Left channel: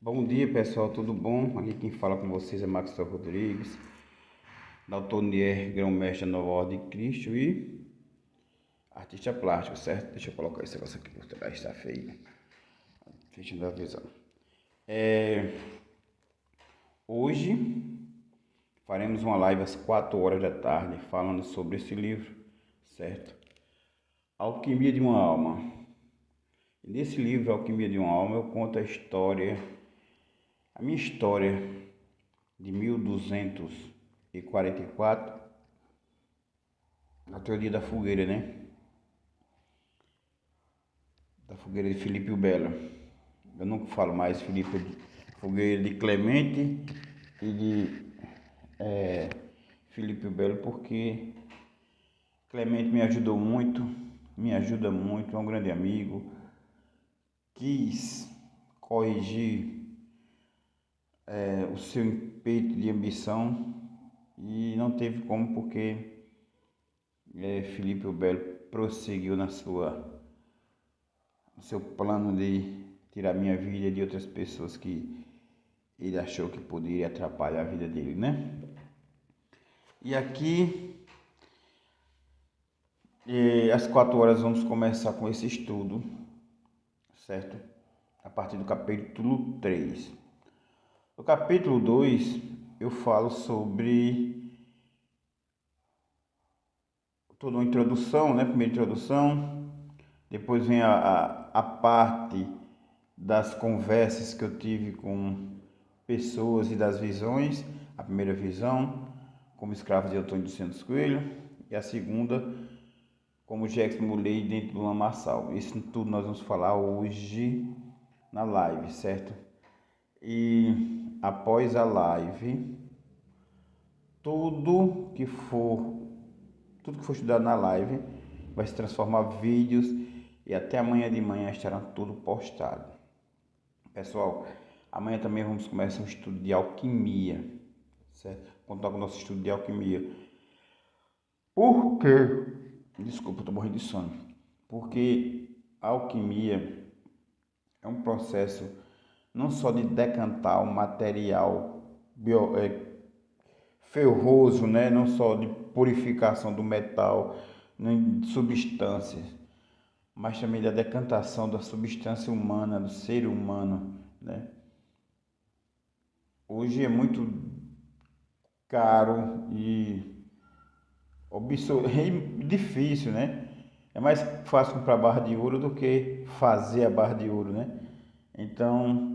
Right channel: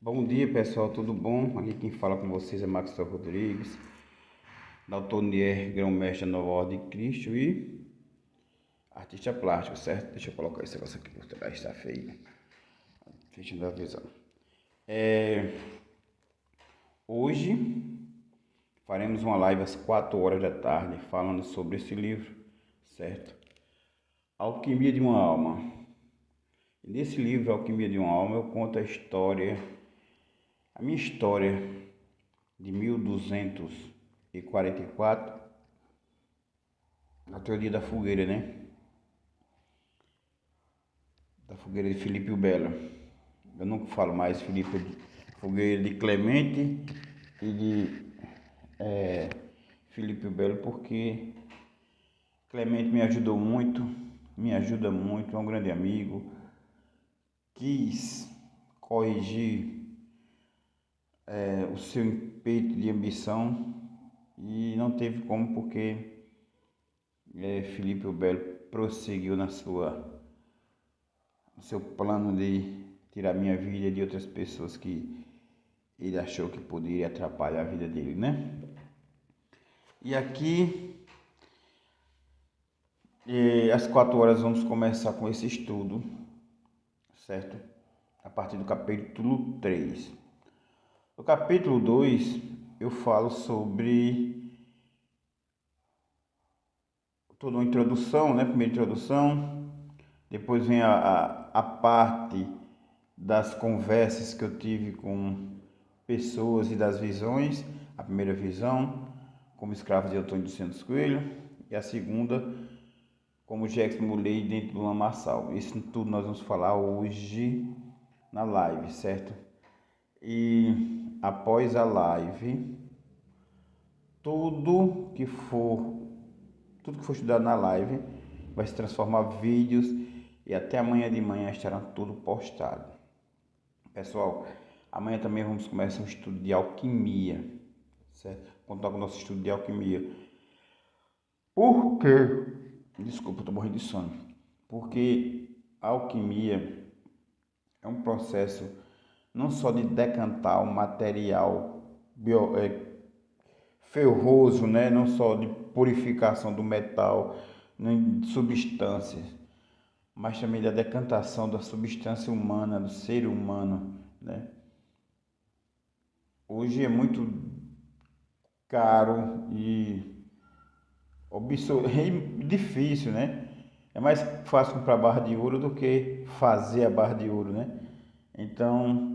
Bom dia pessoal, tudo bom? Aqui quem fala com vocês é Maxwell Rodrigues, da Altonier, grão-mestre da Nova Ordem de Cristo e artista plástico, certo? Deixa eu colocar esse negócio aqui por trás, tá feio. Deixa eu dar visão. Hoje faremos uma live às 4 horas da tarde falando sobre esse livro, certo? Alquimia de uma Alma. Nesse livro, Alquimia de uma Alma, eu conto a minha história de 1244, na teoria da fogueira, né? Da fogueira de Filipe o Belo. Eu nunca falo mais fogueira de Clemente e de Filipe o Belo, porque Clemente me ajudou muito, me ajuda muito, é um grande amigo. Quis corrigir o seu impeto de ambição e não teve como, porque Filipe o Belo prosseguiu no seu plano de tirar minha vida e de outras pessoas que ele achou que poderia atrapalhar a vida dele, né? E aqui, às 4 horas, vamos começar com esse estudo, certo? A partir do capítulo 3. No capítulo 2, eu falo sobre toda uma introdução, né? Primeira introdução, depois vem a parte das conversas que eu tive com pessoas e das visões. A primeira visão, como escravo de Antônio dos Santos Coelho, e a segunda, como Jackson Muley dentro do lamaçal. Isso tudo nós vamos falar hoje na live, certo? E após a live, tudo que for estudado na live vai se transformar em vídeos e até amanhã de manhã estarão tudo postado. Pessoal, amanhã também vamos começar um estudo de alquimia, certo? Contar com o nosso estudo de alquimia. Por quê? Desculpa, estou morrendo de sono. Porque a alquimia é um processo não só de decantar o material ferroso, né? Não só de purificação do metal, nem de substâncias, mas também da decantação da substância humana, do ser humano, né? Hoje é muito caro e é difícil, né? É mais fácil comprar barra de ouro do que fazer a barra de ouro, né? Então,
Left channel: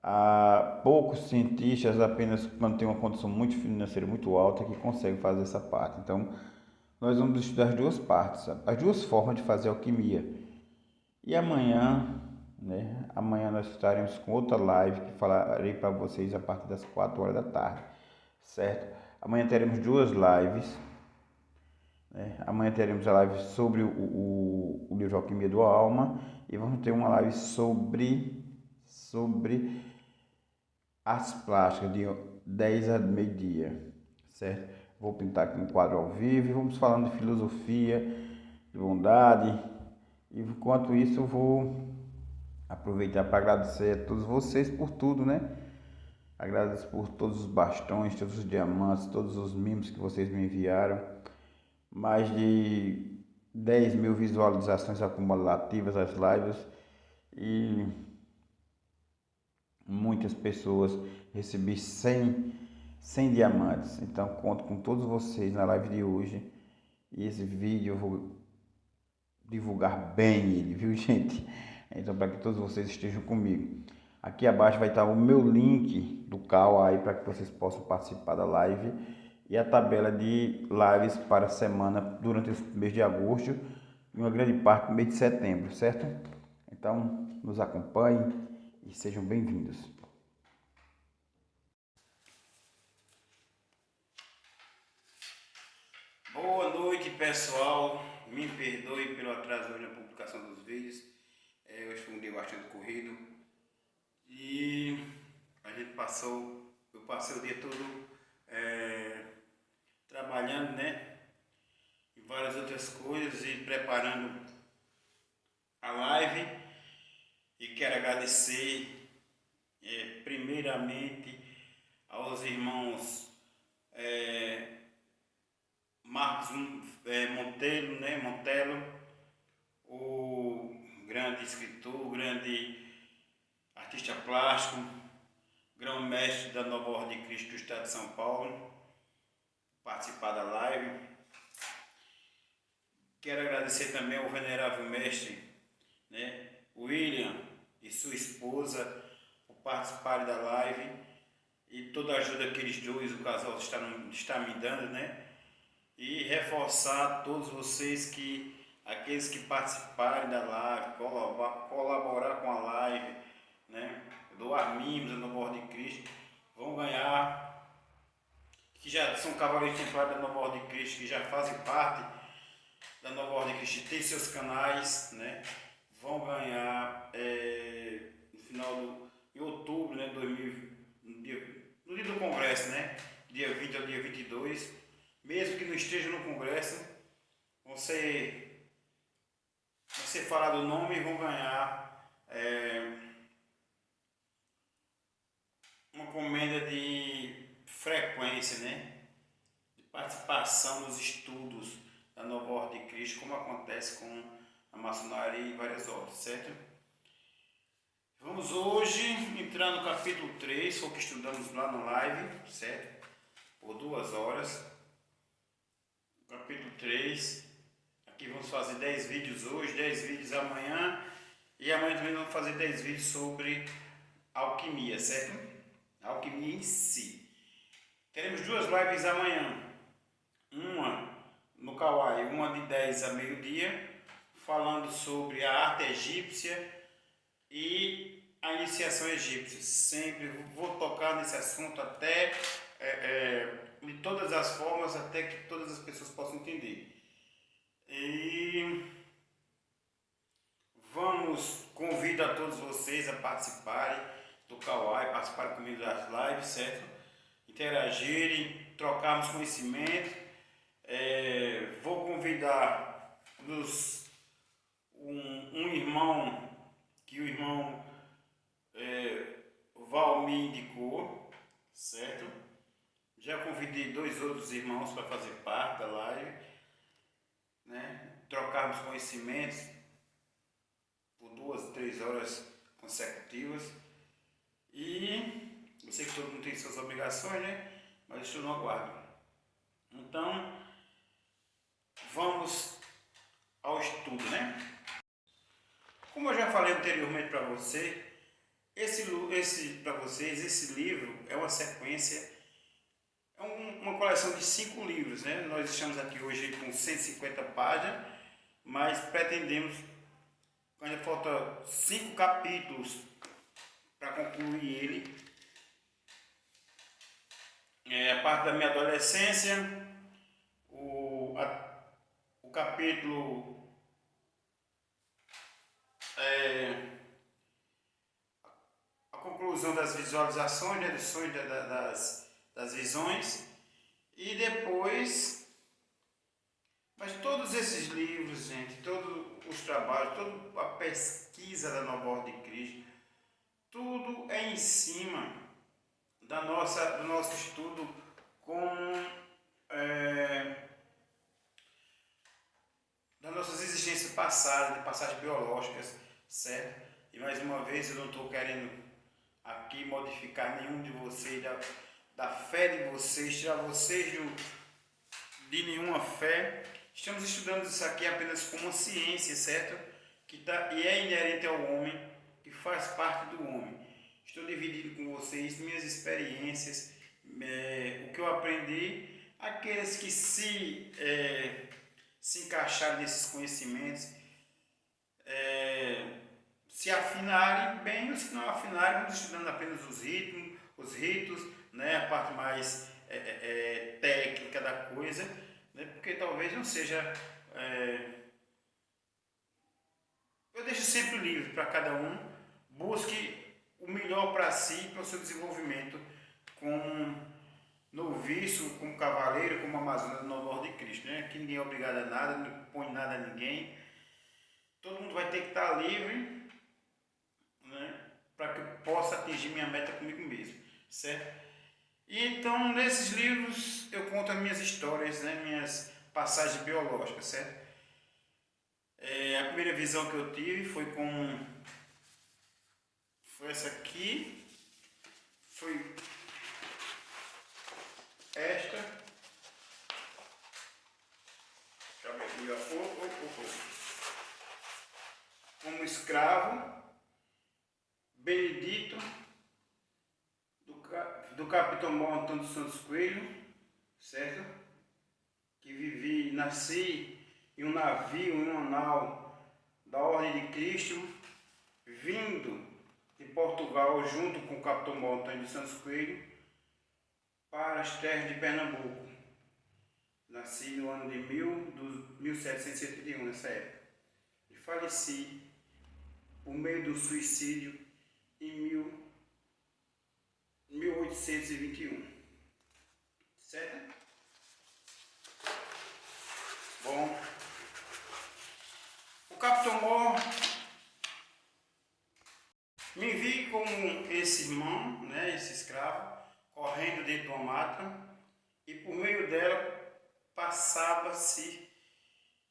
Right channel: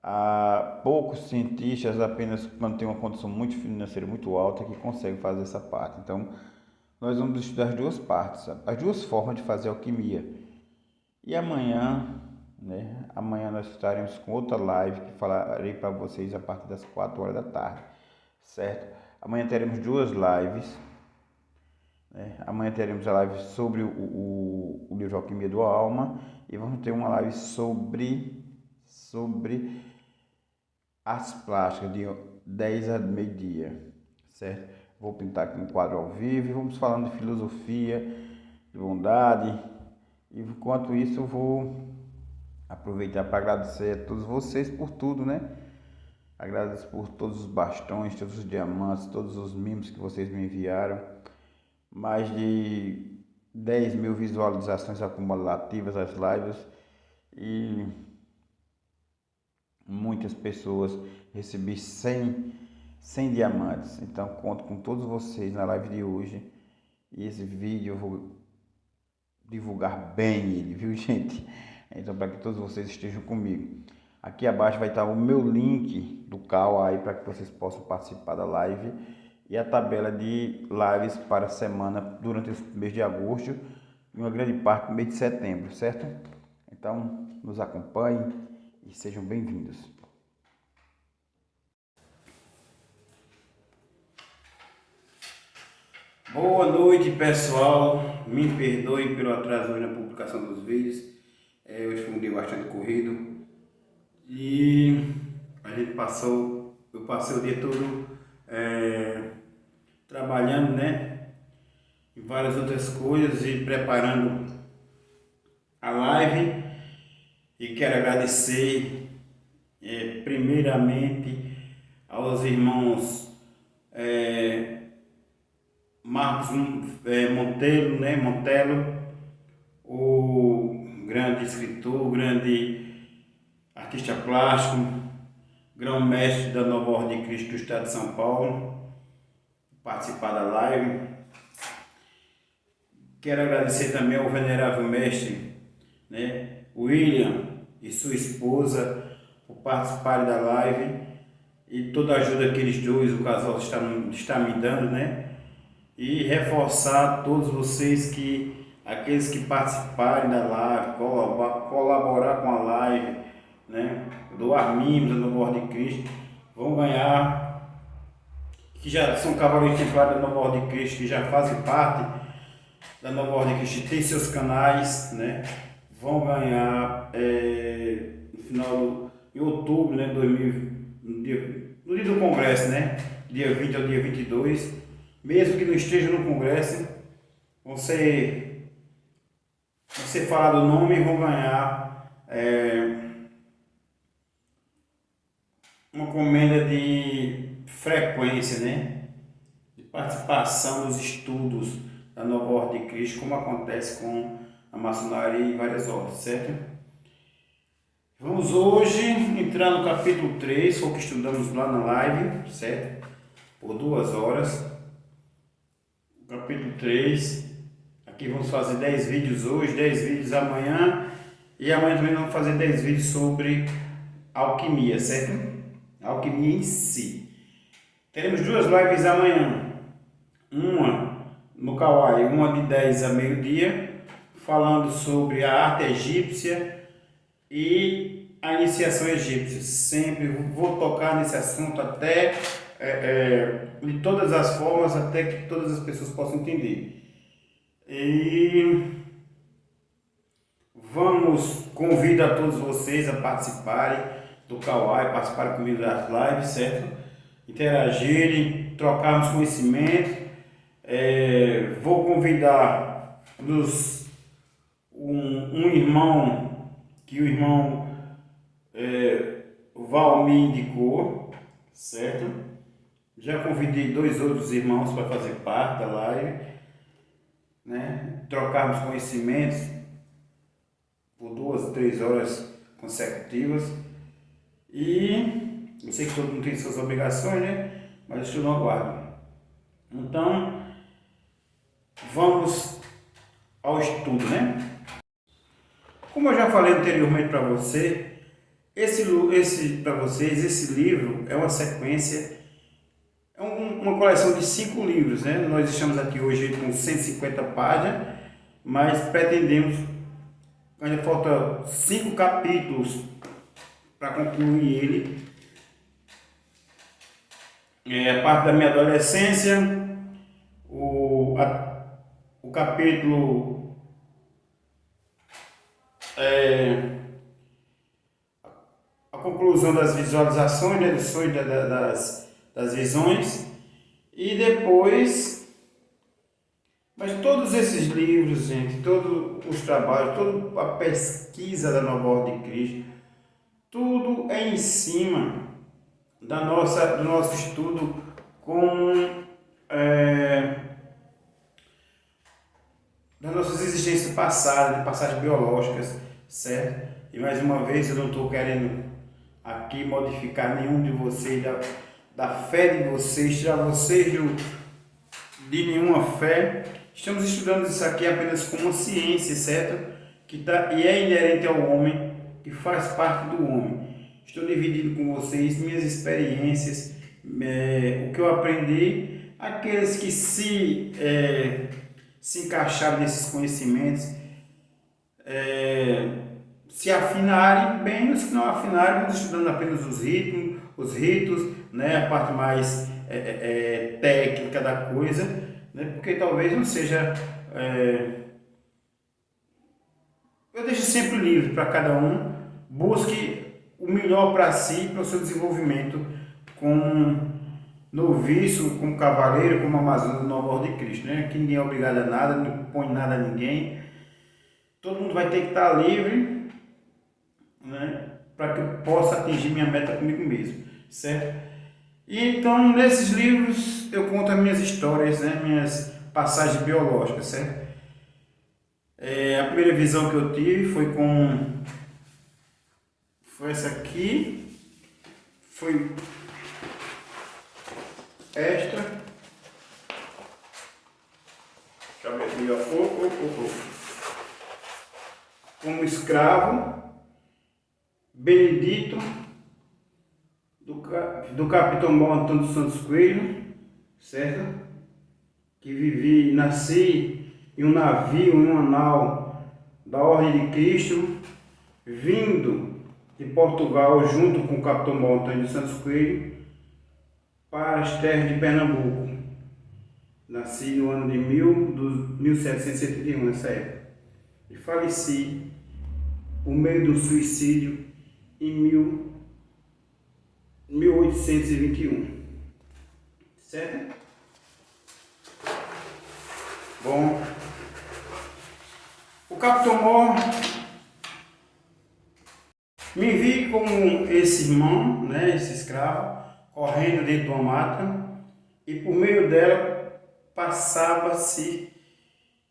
há poucos cientistas, apenas quando tem uma condição muito financeira muito alta, que conseguem fazer essa parte. Então, nós vamos estudar as duas partes, as duas formas de fazer alquimia. E amanhã, né? Amanhã nós estaremos com outra live que falarei para vocês a partir das 4 horas da tarde, certo? Amanhã teremos duas lives, né? Amanhã teremos a live sobre o livro Alquimia do Alma e vamos ter uma live sobre as plásticas de 10 a meio-dia, certo? Vou pintar aqui um quadro ao vivo e vamos falando de filosofia, de bondade. E enquanto isso, eu vou aproveitar para agradecer a todos vocês por tudo, né? Agradeço por todos os bastões, todos os diamantes, todos os mimos que vocês me enviaram. Mais de 10 mil visualizações acumulativas às lives e muitas pessoas. Recebi 100 diamantes. Então conto com todos vocês na live de hoje. E esse vídeo eu vou divulgar bem ele, viu, gente? Então, para que todos vocês estejam comigo. Aqui abaixo vai estar o meu link do Cal aí para que vocês possam participar da live e a tabela de lives para a semana durante o mês de agosto e uma grande parte do mês de setembro, certo? Então, nos acompanhem e sejam bem-vindos. Boa noite, pessoal. Me perdoem pelo atraso hoje na publicação dos vídeos. Hoje foi um dia bastante corrido e eu passei o dia todo trabalhando, né, em várias outras coisas e preparando a live. E quero agradecer primeiramente aos irmãos Marcos Monteiro, né? Montelo, o grande escritor, grande artista plástico, grão-mestre da Nova Ordem de Cristo do Estado de São Paulo, participar da live. Quero agradecer também ao venerável mestre, né, William e sua esposa por participarem da live e toda a ajuda que eles dois, o casal, está me dando, né? E reforçar a todos vocês que aqueles que participarem da live, colaborar com a live, né, doar mimos da Nova Ordem de Cristo, vão ganhar, que já são cavaleiros templários da Nova Ordem de Cristo, que já fazem parte da Nova Ordem de Cristo, tem seus canais, né, vão ganhar no final de outubro, né, no dia do congresso, né, dia 20 ao dia 22, mesmo que não estejam no congresso, vão ser falado o nome e vão ganhar uma comenda de frequência, né? De participação nos estudos da Nova Ordem de Cristo, como acontece com a maçonaria e várias ordens, certo? Vamos hoje entrar no capítulo 3, foi o que estudamos lá na live, certo? Por 2 horas. Capítulo 3. Aqui vamos fazer 10 vídeos hoje, 10 vídeos amanhã. E amanhã também vamos fazer 10 vídeos sobre alquimia, certo? Alquimia em si. Teremos 2 lives amanhã. Uma no Kawaii, uma de 10 a meio-dia, falando sobre a arte egípcia e a iniciação egípcia. Sempre vou tocar nesse assunto até de todas as formas, até que todas as pessoas possam entender. E convido a todos vocês a participarem do Kawaii, participarem comigo das lives, certo? Interagirem, trocarmos conhecimento. Vou convidar um irmão que o irmão Val me indicou, certo? Já convidei 2 outros irmãos para fazer parte da live, né? Trocarmos conhecimentos por 2 a 3 horas consecutivas. E eu sei que todo mundo tem suas obrigações, né? Mas isso não aguardo. Então, vamos ao estudo, né? Como eu já falei anteriormente para você, esse livro é uma sequência, uma coleção de 5 livros, né? Nós estamos aqui hoje com 150 páginas, mas pretendemos, ainda falta 5 capítulos para concluir ele. A parte da minha adolescência, o capítulo a conclusão das visualizações, né, dos sonhos, das visões, e depois, mas todos esses livros, gente, todos os trabalhos, toda a pesquisa da Nova Ordem de Cristo, tudo é em cima do nosso estudo com das nossas existências passadas, de passagens biológicas, certo? E mais uma vez eu não estou querendo aqui modificar nenhum de vocês, da fé de vocês, tirar vocês de nenhuma fé. Estamos estudando isso aqui apenas como uma ciência, certo? E é inerente ao homem, que faz parte do homem. Estou dividindo com vocês minhas experiências, o que eu aprendi, aqueles que se encaixarem nesses conhecimentos, se afinarem bem, os que não afinarem, vamos estudando apenas os ritos, né, a parte mais técnica da coisa, né, porque talvez não seja... eu deixo sempre livre para cada um, busque o melhor para si, para o seu desenvolvimento como noviço, como cavaleiro, como amazona do Nova Ordem de Cristo, né? Que ninguém é obrigado a nada, não põe nada a ninguém. Todo mundo vai ter que estar livre, né? para que eu possa atingir minha meta comigo mesmo, certo? E então, nesses livros, eu conto as minhas histórias, né, minhas passagens biológicas, certo? A primeira visão que eu tive foi essa aqui, foi esta, deixa eu ver aqui, ó, como escravo, Benedito, do capitão Bom Antônio dos Santos Coelho, certo? Que nasci em um navio, em uma nau da Ordem de Cristo, vindo de Portugal junto com o capitão Bom Antônio dos Santos Coelho para as terras de Pernambuco. Nasci no ano de 1771, nessa época. E faleci por meio do suicídio em 1821. Certo? Bom, o Capitão Mor me vi como esse irmão, né, esse escravo, correndo dentro de uma mata, e por meio dela passava-se,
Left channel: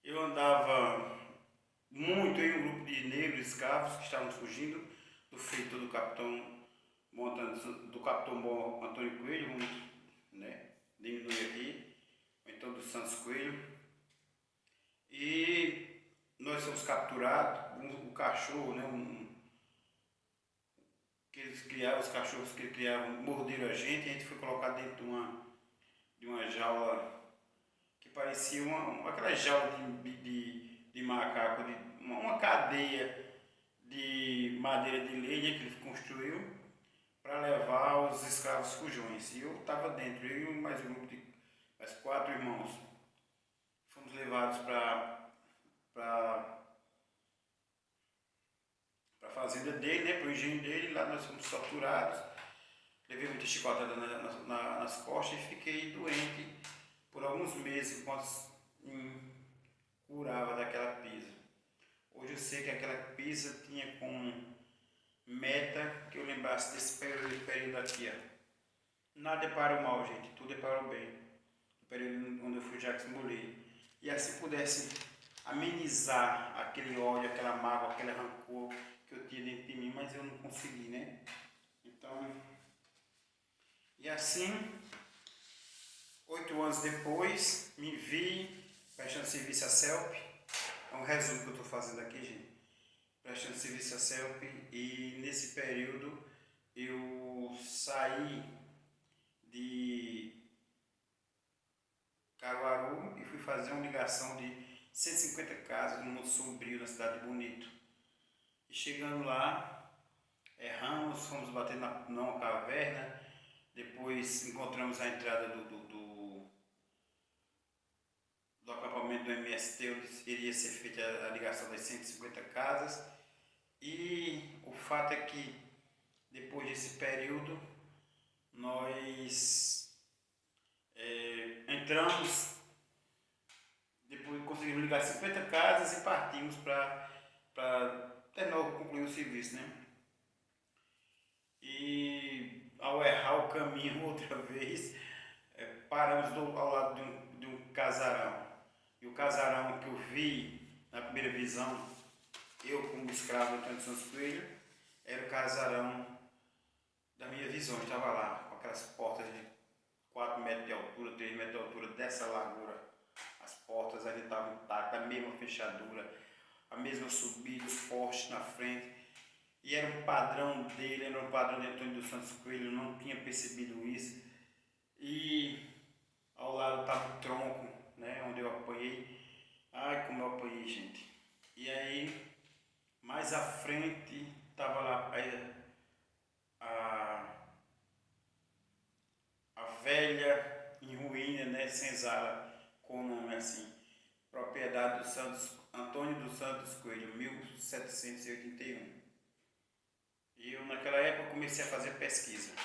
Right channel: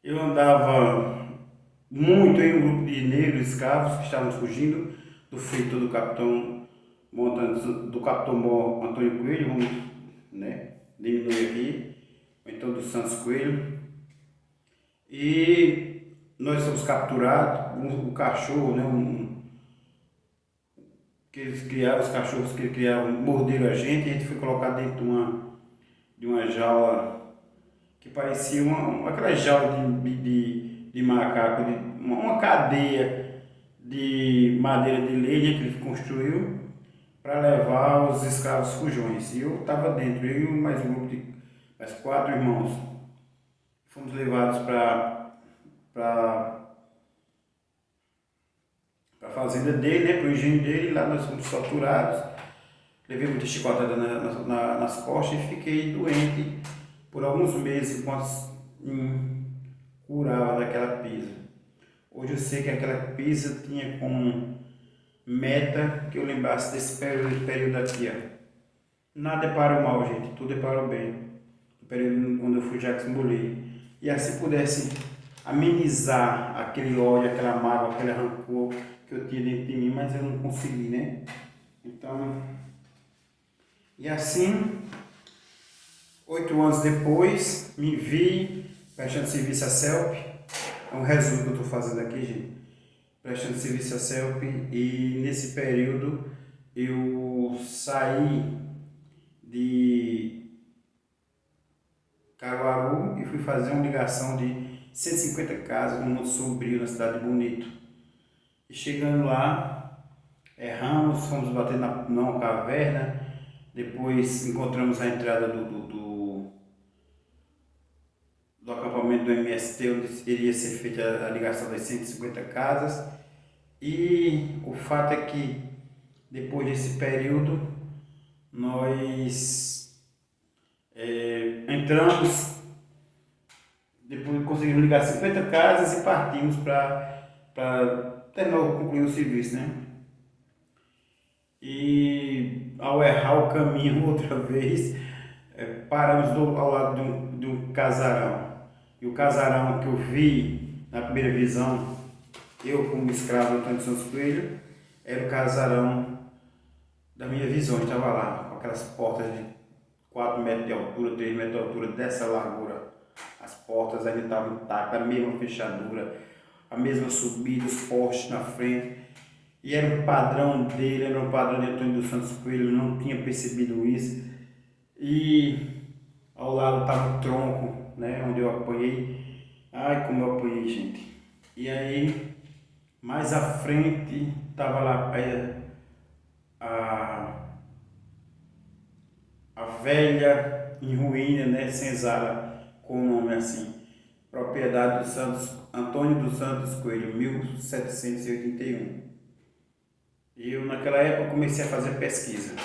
eu andava muito em um grupo de negros escravos que estavam fugindo do feito do capitão Bom Antônio Coelho, vamos, né, diminuir aqui, ou então do Santos Coelho. E nós fomos capturados, um cachorro, né, que eles criaram, os cachorros que eles criaram, morderam a gente foi colocado dentro de uma jaula que parecia aquela jaula de macaco, uma cadeia de madeira de lenha que ele construiu para levar os escravos fujões. E eu estava dentro, eu e mais um grupo de mais 4 irmãos. Fomos levados para a fazenda dele, né, para o engenho dele. Lá nós fomos torturados. Levei muita chicotada nas costas e fiquei doente por alguns meses enquanto curava daquela pisa. Hoje eu sei que aquela pisa tinha como meta que eu lembrasse desse período aqui, ó. Nada é para o mal, gente, tudo é para o bem. O período onde eu fui Jacques Molay. E assim pudesse amenizar aquele ódio, aquela mágoa, aquele rancor que eu tinha dentro de mim, mas eu não consegui, né? Então, e assim, 8 anos depois, me vi prestando serviço à CELP. É um resumo que eu estou fazendo aqui, gente. Prestando serviço à CELP, e nesse período eu saí de Caruaru e fui fazer uma ligação de 150 casas no Monte Sombrio, na cidade de Bonito. E chegando lá, erramos, fomos bater numa caverna, depois encontramos a entrada do acampamento do MST, onde iria ser feita a ligação das 150 casas. E o fato é que depois desse período nós entramos, depois conseguimos ligar 50 casas e partimos para concluir o serviço, né? E ao errar o caminho outra vez, paramos ao lado de um casarão. E o casarão que eu vi na primeira visão, eu como escravo Antônio de Santos Coelho, era o casarão da minha visão. Eu estava lá, com aquelas portas de 4 metros de altura, 3 metros de altura, dessa largura. As portas ainda estavam intactas, a mesma fechadura, a mesma subida, os postes na frente. E era um padrão dele, era um padrão de Antônio dos Santos Coelho, eu não tinha percebido isso. E ao lado estava o tronco, né, onde eu apanhei. Ai, como eu apanhei, gente. E aí, mais à frente, estava lá a velha em ruína, né, senzala, com o nome assim. Propriedade do Santos, Antônio dos Santos Coelho, 1781. E eu, naquela época, comecei a fazer pesquisa.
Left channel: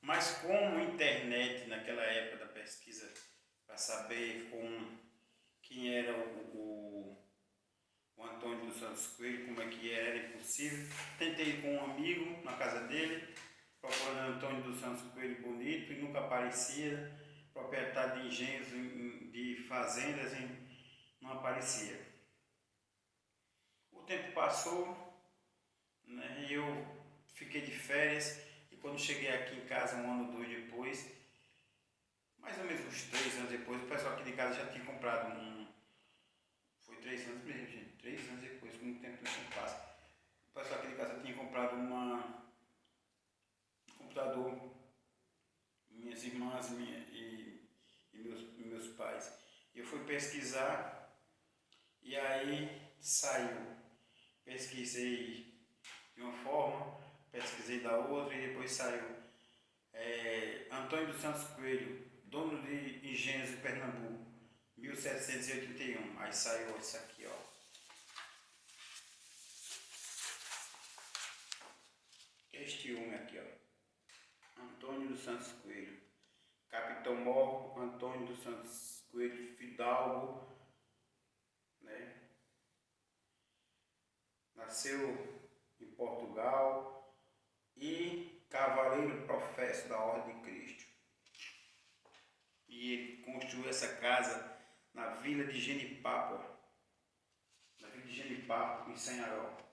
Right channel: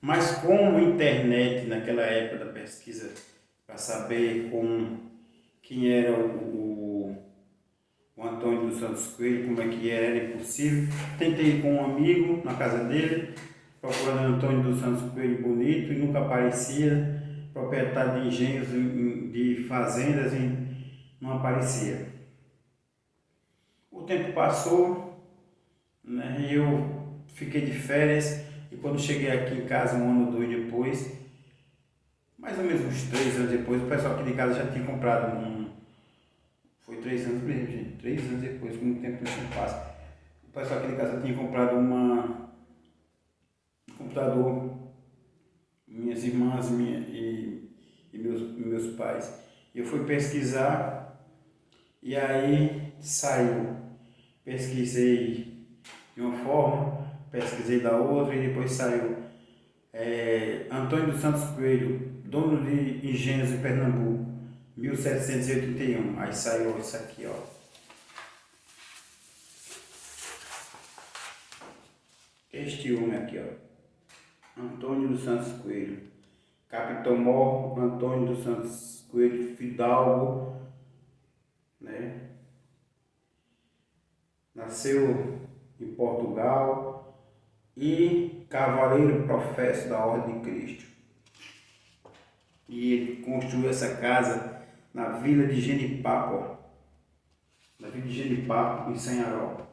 Mas como a internet, naquela época da pesquisa, para saber quem era o Antônio dos Santos Coelho, como é que era impossível. Tentei ir com um amigo na casa dele, procurando Antônio dos Santos Coelho bonito e nunca aparecia. Proprietário de engenhos, de fazendas, não aparecia. O tempo passou, né, e eu fiquei de férias e quando cheguei aqui em casa, um ano ou dois depois, mais ou menos uns 3 anos depois, o pessoal aqui de casa já tinha comprado foi 3 anos mesmo, gente, 3 anos depois, como o tempo passa. O pessoal aqui de casa tinha comprado um computador, minhas irmãs e meus pais. Eu fui pesquisar e aí saiu. Pesquisei de uma forma, pesquisei da outra e depois saiu Antônio dos Santos Coelho, dono de engenhos de Pernambuco, 1781. Aí saiu isso aqui, ó. Este homem aqui, ó. Antônio dos Santos Coelho. Capitão Mor Antônio dos Santos Coelho Fidalgo, né? Nasceu em Portugal e cavaleiro professo da Ordem de Cristo. E ele construiu essa casa na vila de Genipapo, em Sanharó.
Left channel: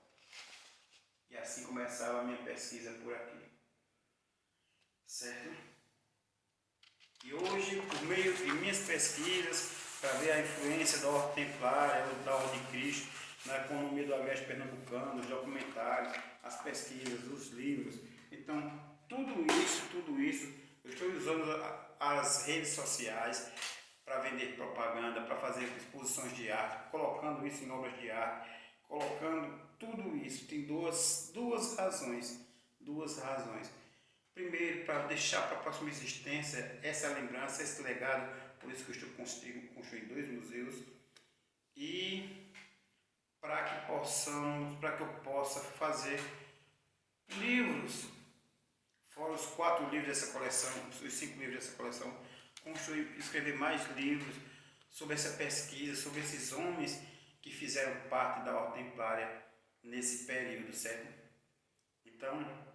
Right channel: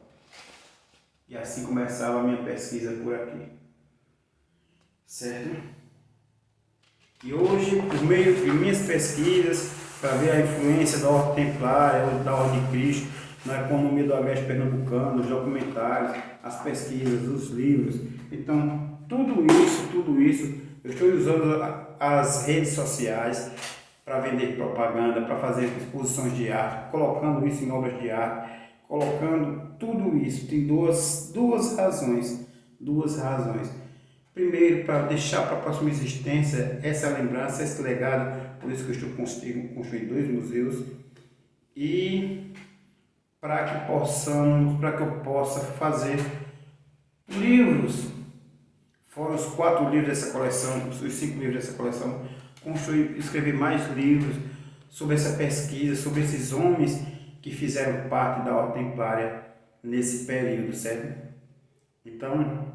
E assim começava a minha pesquisa por aqui, certo? E hoje, por meio de minhas pesquisas, para ver a influência da Ordem Templária, da Ordem de Cristo, na economia do agreste pernambucano, os documentários, as pesquisas, os livros. Então, tudo isso, eu estou usando as redes sociais para vender propaganda, para fazer exposições de arte, colocando isso em obras de arte, colocando tudo isso. Tem duas razões. Primeiro, para deixar para a próxima existência essa lembrança, esse legado, por isso que eu estou construindo 2 museus, e para que eu possa fazer livros, fora os 4 livros dessa coleção, os 5 livros dessa coleção, escrever mais livros sobre essa pesquisa, sobre esses homens que fizeram parte da Ordem Templária nesse período, certo? Então,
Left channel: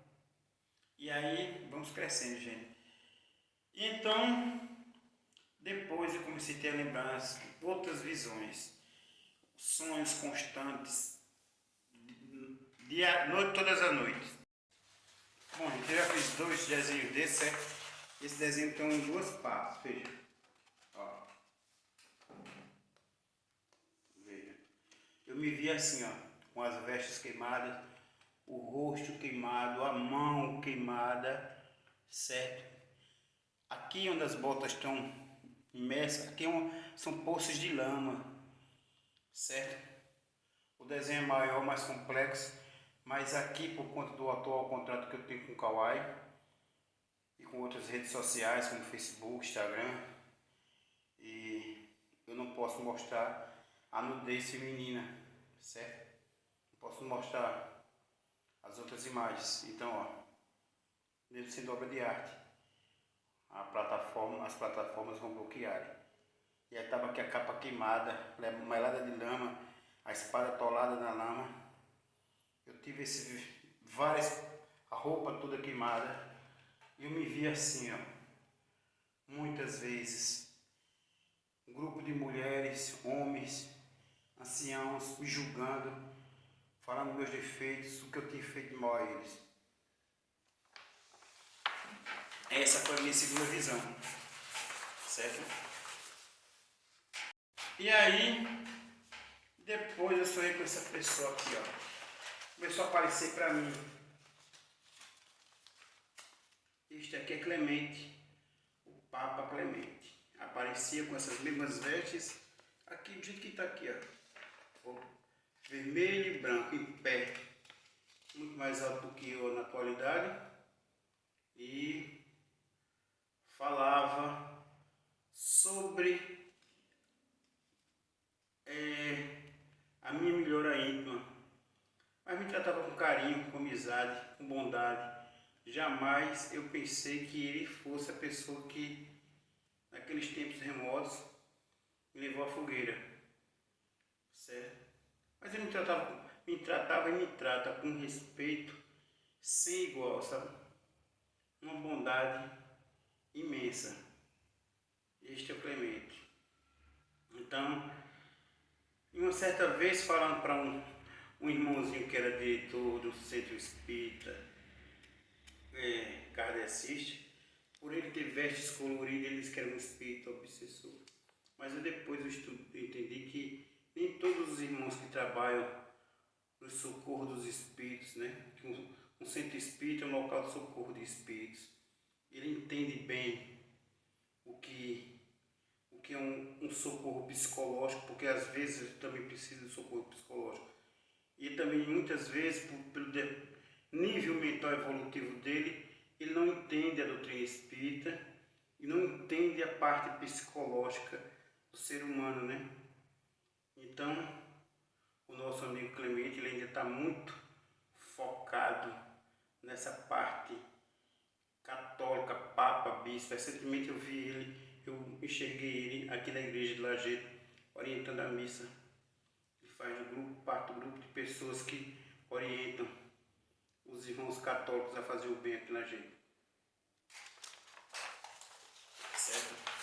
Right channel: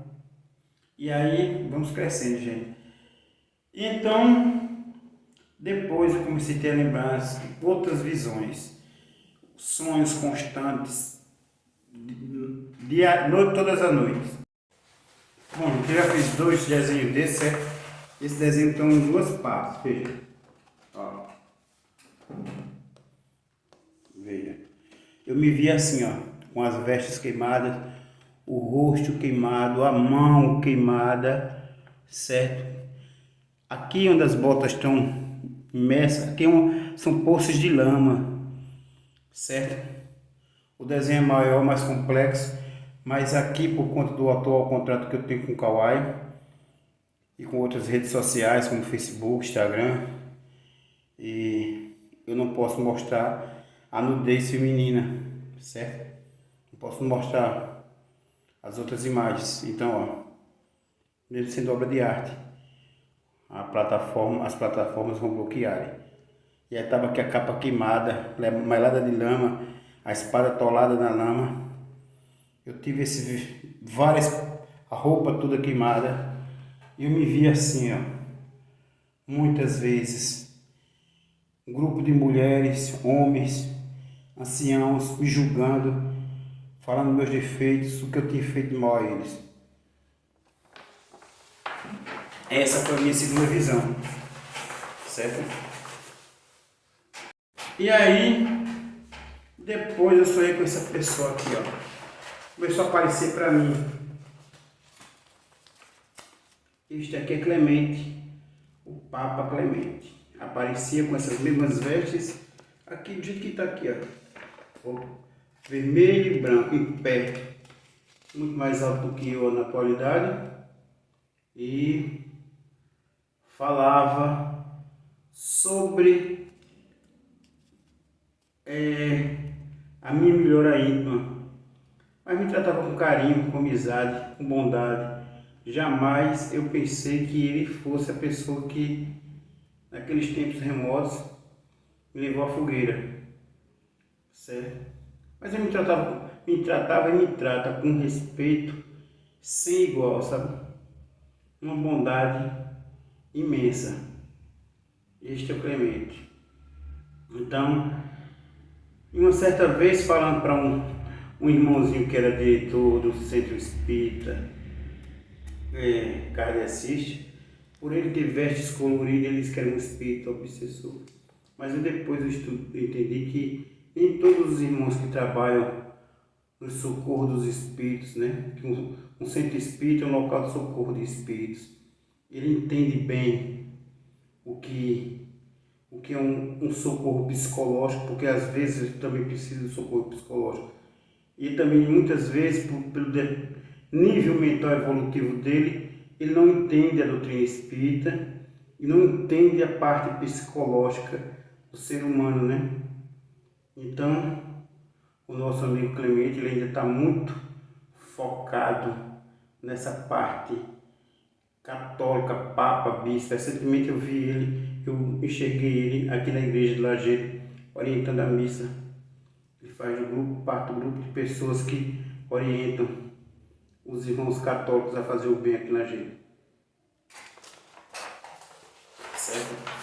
e aí vamos crescendo, gente. Então, depois eu comecei a ter lembranças, outras visões, sonhos constantes, todas as noites. Bom, eu já fiz 2 desenhos desses, certo? Esse desenho estão em 2 partes, veja. Ó. Veja. Eu me vi assim, ó, com as vestes queimadas, o rosto queimado, a mão queimada, certo? Aqui onde as botas estão imersas, aqui são poços de lama, certo? O desenho é maior, mais complexo, mas aqui por conta do atual contrato que eu tenho com o Kawaii e com outras redes sociais como Facebook, Instagram, e eu não posso mostrar a nudez feminina, certo? Não posso mostrar as outras imagens. Então, ó, mesmo sendo obra de arte, as plataformas vão bloquear. E aí estava aqui a capa queimada, melada de lama, a espada atolada na lama. Eu tive a roupa toda queimada. E eu me vi assim, ó, muitas vezes. Um grupo de mulheres, homens, anciãos me julgando, falando meus defeitos, o que eu tinha feito de mal a eles. Essa foi a minha segunda visão, certo? E aí, depois eu sonhei com essa pessoa aqui, ó. Começou a aparecer para mim. Este aqui é Clemente, o Papa Clemente. Aparecia com essas mesmas vestes, aqui do jeito que está aqui, ó. Vermelho e branco, em pé. Muito mais alto do que eu na atualidade. E falava sobre a minha melhora íntima, mas me tratava com carinho, com amizade, com bondade. Jamais eu pensei que ele fosse a pessoa que, naqueles tempos remotos, me levou à fogueira, certo? Mas ele me tratava e me trata com respeito sem igual, sabe? Uma bondade imensa. Este é o Clemente. Então, uma certa vez falando para um irmãozinho que era diretor do Centro Espírita, kardecista, por ele ter vestes coloridas, ele disse que era um espírito obsessor. Mas depois eu entendi que nem todos os irmãos que trabalham no socorro dos espíritos, né? Que um centro espírita é um local de socorro de espíritos. Ele entende bem o que é um socorro psicológico, porque às vezes ele também precisa de socorro psicológico. E também muitas vezes, pelo nível mental evolutivo dele, ele não entende a doutrina espírita e não entende a parte psicológica do ser humano, né? Então, o nosso amigo Clemente, ele ainda está muito focado nessa parte católica, papa, bispo. Recentemente eu vi ele, eu enxerguei ele aqui na igreja de Lajeado, orientando a missa. Ele faz parte do grupo de pessoas que orientam os irmãos católicos a fazer o bem aqui na gente. Certo?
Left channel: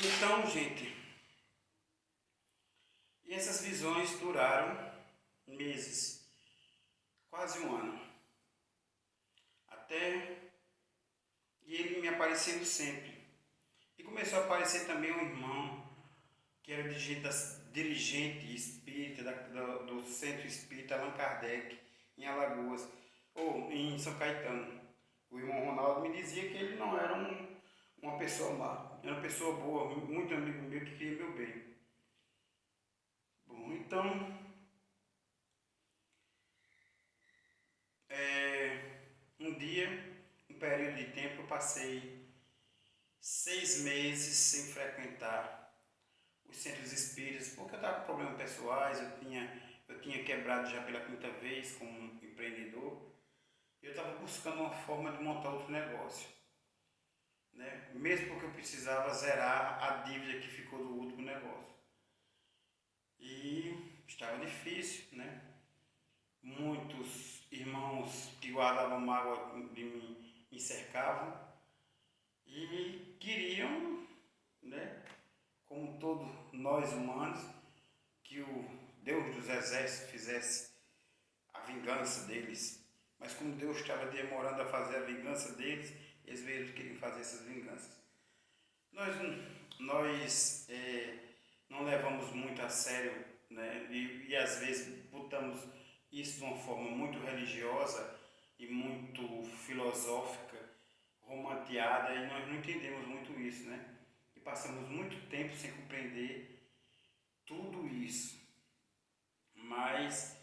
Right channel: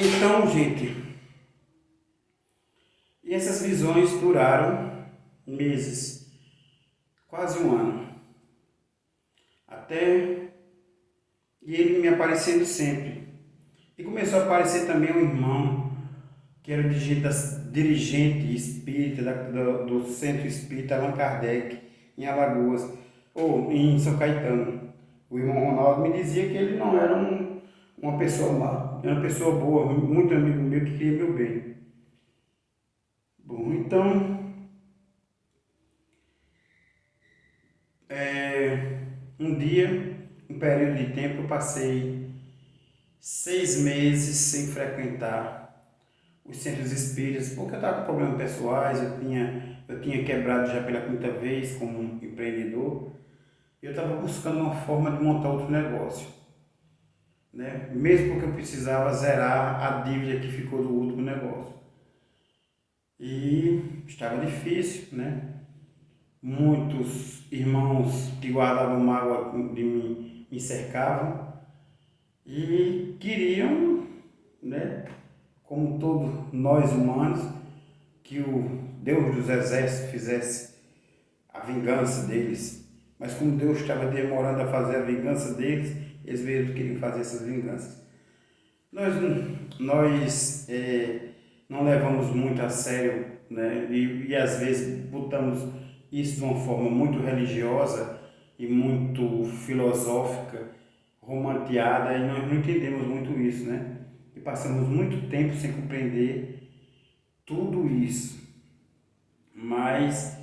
Então, gente, e essas visões duraram meses, quase um ano, até e ele me aparecendo sempre. E começou a aparecer também um irmão que era dirigente espírita do Centro Espírita Allan Kardec, em Alagoas, ou em São Caetano. O irmão Ronaldo me dizia que ele não era uma pessoa má, era uma pessoa boa, muito amigo meu que queria meu bem. Bom, então, um dia, um período de tempo, eu passei 6 meses sem frequentar os centros espíritas, porque eu estava com problemas pessoais, eu tinha quebrado já pela quinta vez como um empreendedor, e eu estava buscando uma forma de montar outro negócio, né? Mesmo porque eu precisava zerar a dívida que ficou do último negócio. E estava difícil, né? Muitos irmãos que guardavam mágoa de mim me cercavam e queriam, né, como todos nós humanos, que o Deus dos exércitos fizesse a vingança deles. Mas como Deus estava demorando a fazer a vingança deles, eles mesmos queriam fazer essas vinganças. Nós não levamos muito a sério, né? E às vezes botamos isso de uma forma muito religiosa e muito filosófica, romanteada, e nós não entendemos muito isso, né? E passamos muito tempo sem compreender tudo isso. Mas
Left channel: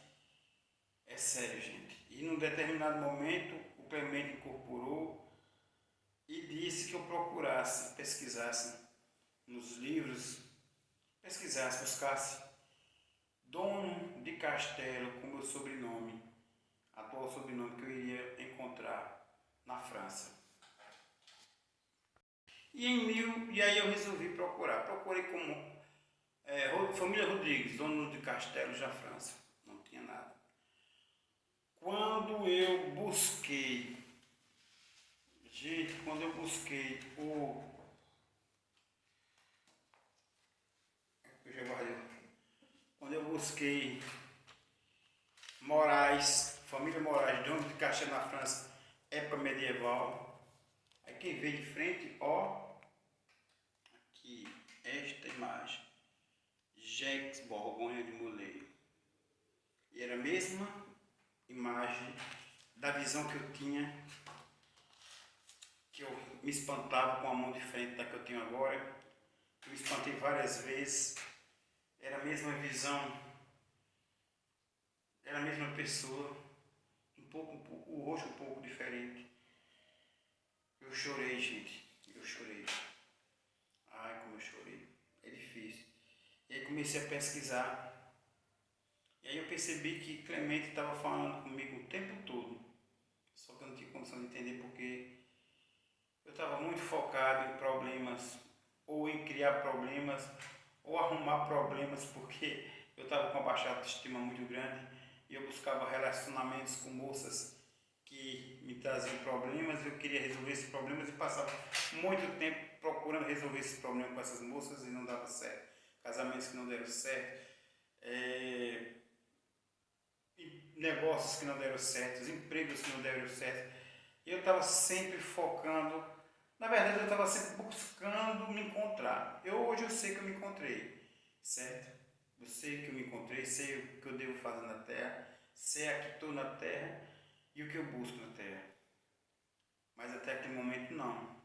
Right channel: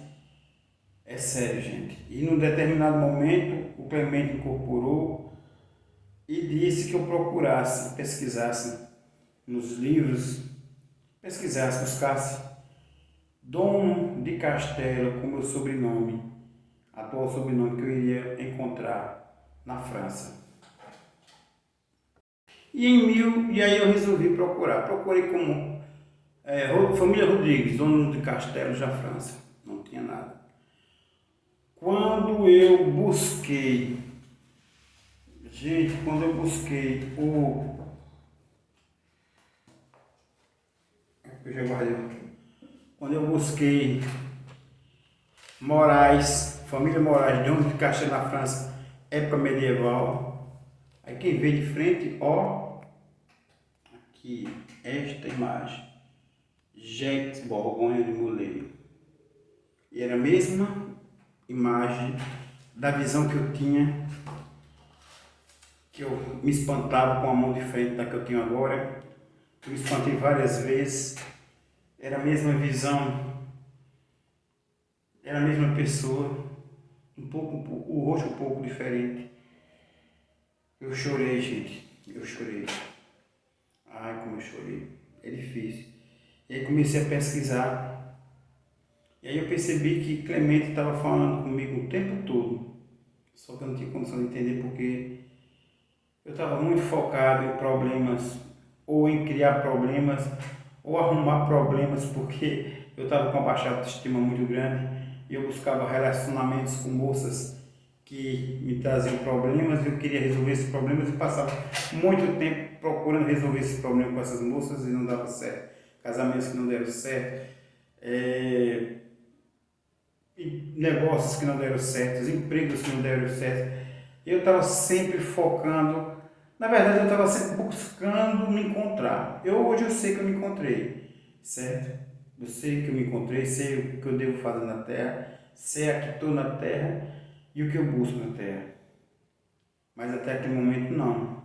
é sério, gente. E num determinado momento, o Clemente incorporou e disse que eu procurasse, pesquisasse nos livros, buscasse Dom de Castelo com meu sobrenome, atual sobrenome que eu iria encontrar na França. E aí eu resolvi procurar. Procurei como família Rodrigues, dono de Castelo, já França. Não tinha nada. Quando eu busquei eu já guardei. Quando eu busquei Moraes, família Moraes, dono de Castelo na França, época medieval, aí quem vê de frente, ó, aqui, esta imagem, Jacques Borgonha de Molay. E era a mesma imagem da visão que eu tinha, que eu me espantava com a mão de frente da que eu tenho agora. Eu me espantei várias vezes. Era a mesma visão, era a mesma pessoa, o rosto um pouco diferente. Eu chorei, gente, eu chorei. Ai, como eu chorei, é difícil. E aí comecei a pesquisar. E aí eu percebi que Clemente estava falando comigo o tempo todo. Só que eu não tinha condição de entender porque eu estava muito focado em problemas ou em criar problemas, ou arrumar problemas, porque eu estava com uma baixa autoestima muito grande e eu buscava relacionamentos com moças que me traziam problemas, eu queria resolver esses problemas e passava muito tempo procurando resolver esses problemas com essas moças e não dava certo. Casamentos que não deram certo, negócios que não deram certo, empregos que não deram certo. Eu estava sempre focando, na verdade eu estava sempre buscando me encontrar. Hoje eu sei que eu me encontrei, certo? Eu sei que eu me encontrei, sei o que eu devo fazer na Terra, sei a que estou na Terra e o que eu busco na Terra. Mas até aquele momento não.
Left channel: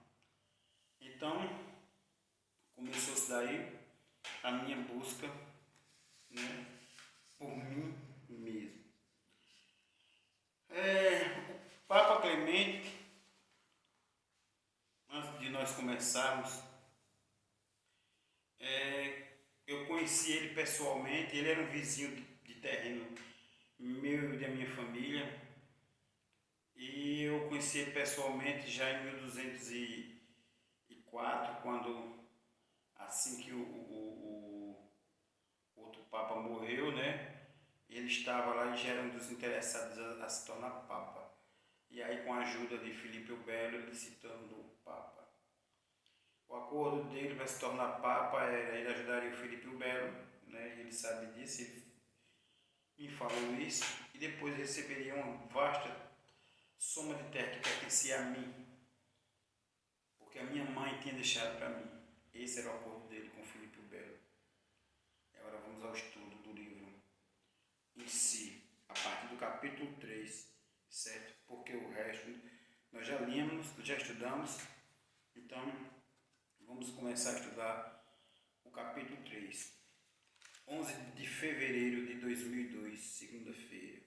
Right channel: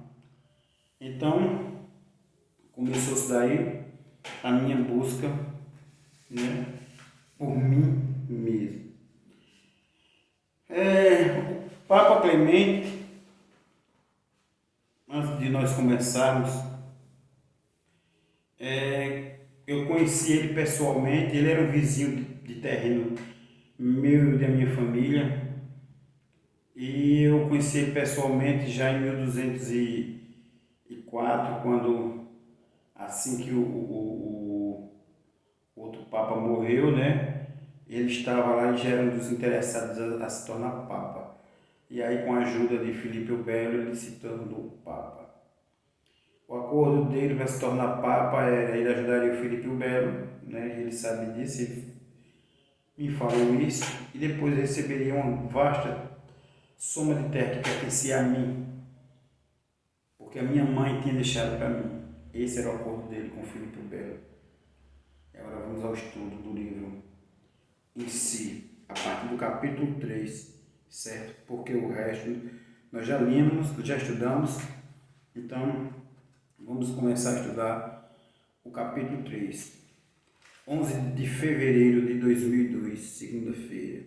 Então, começou-se daí a minha busca, né, por mim mesmo. O Papa Clemente, antes de nós começarmos, eu conheci ele pessoalmente, ele era um vizinho de terreno meu e da minha família, e eu conheci ele pessoalmente já em 1204, quando, assim que o outro Papa morreu, né? Ele estava lá e já era um dos interessados a se tornar Papa. E aí, com a ajuda de Filipe o Belo, ele se tornou Papa. O acordo dele para se tornar Papa era ele ajudaria o Filipe o Belo, né? Ele sabe disso, ele me falou isso, e depois receberia uma vasta soma de terra que pertencia a mim, porque a minha mãe tinha deixado para mim. Esse era o acordo dele com o Filipe o Belo. E agora vamos ao estudo do livro em si, a partir do capítulo 3, certo? Porque o resto nós já lemos, já estudamos, então vamos começar a estudar o capítulo 3. 11 de fevereiro de 2002, segunda-feira.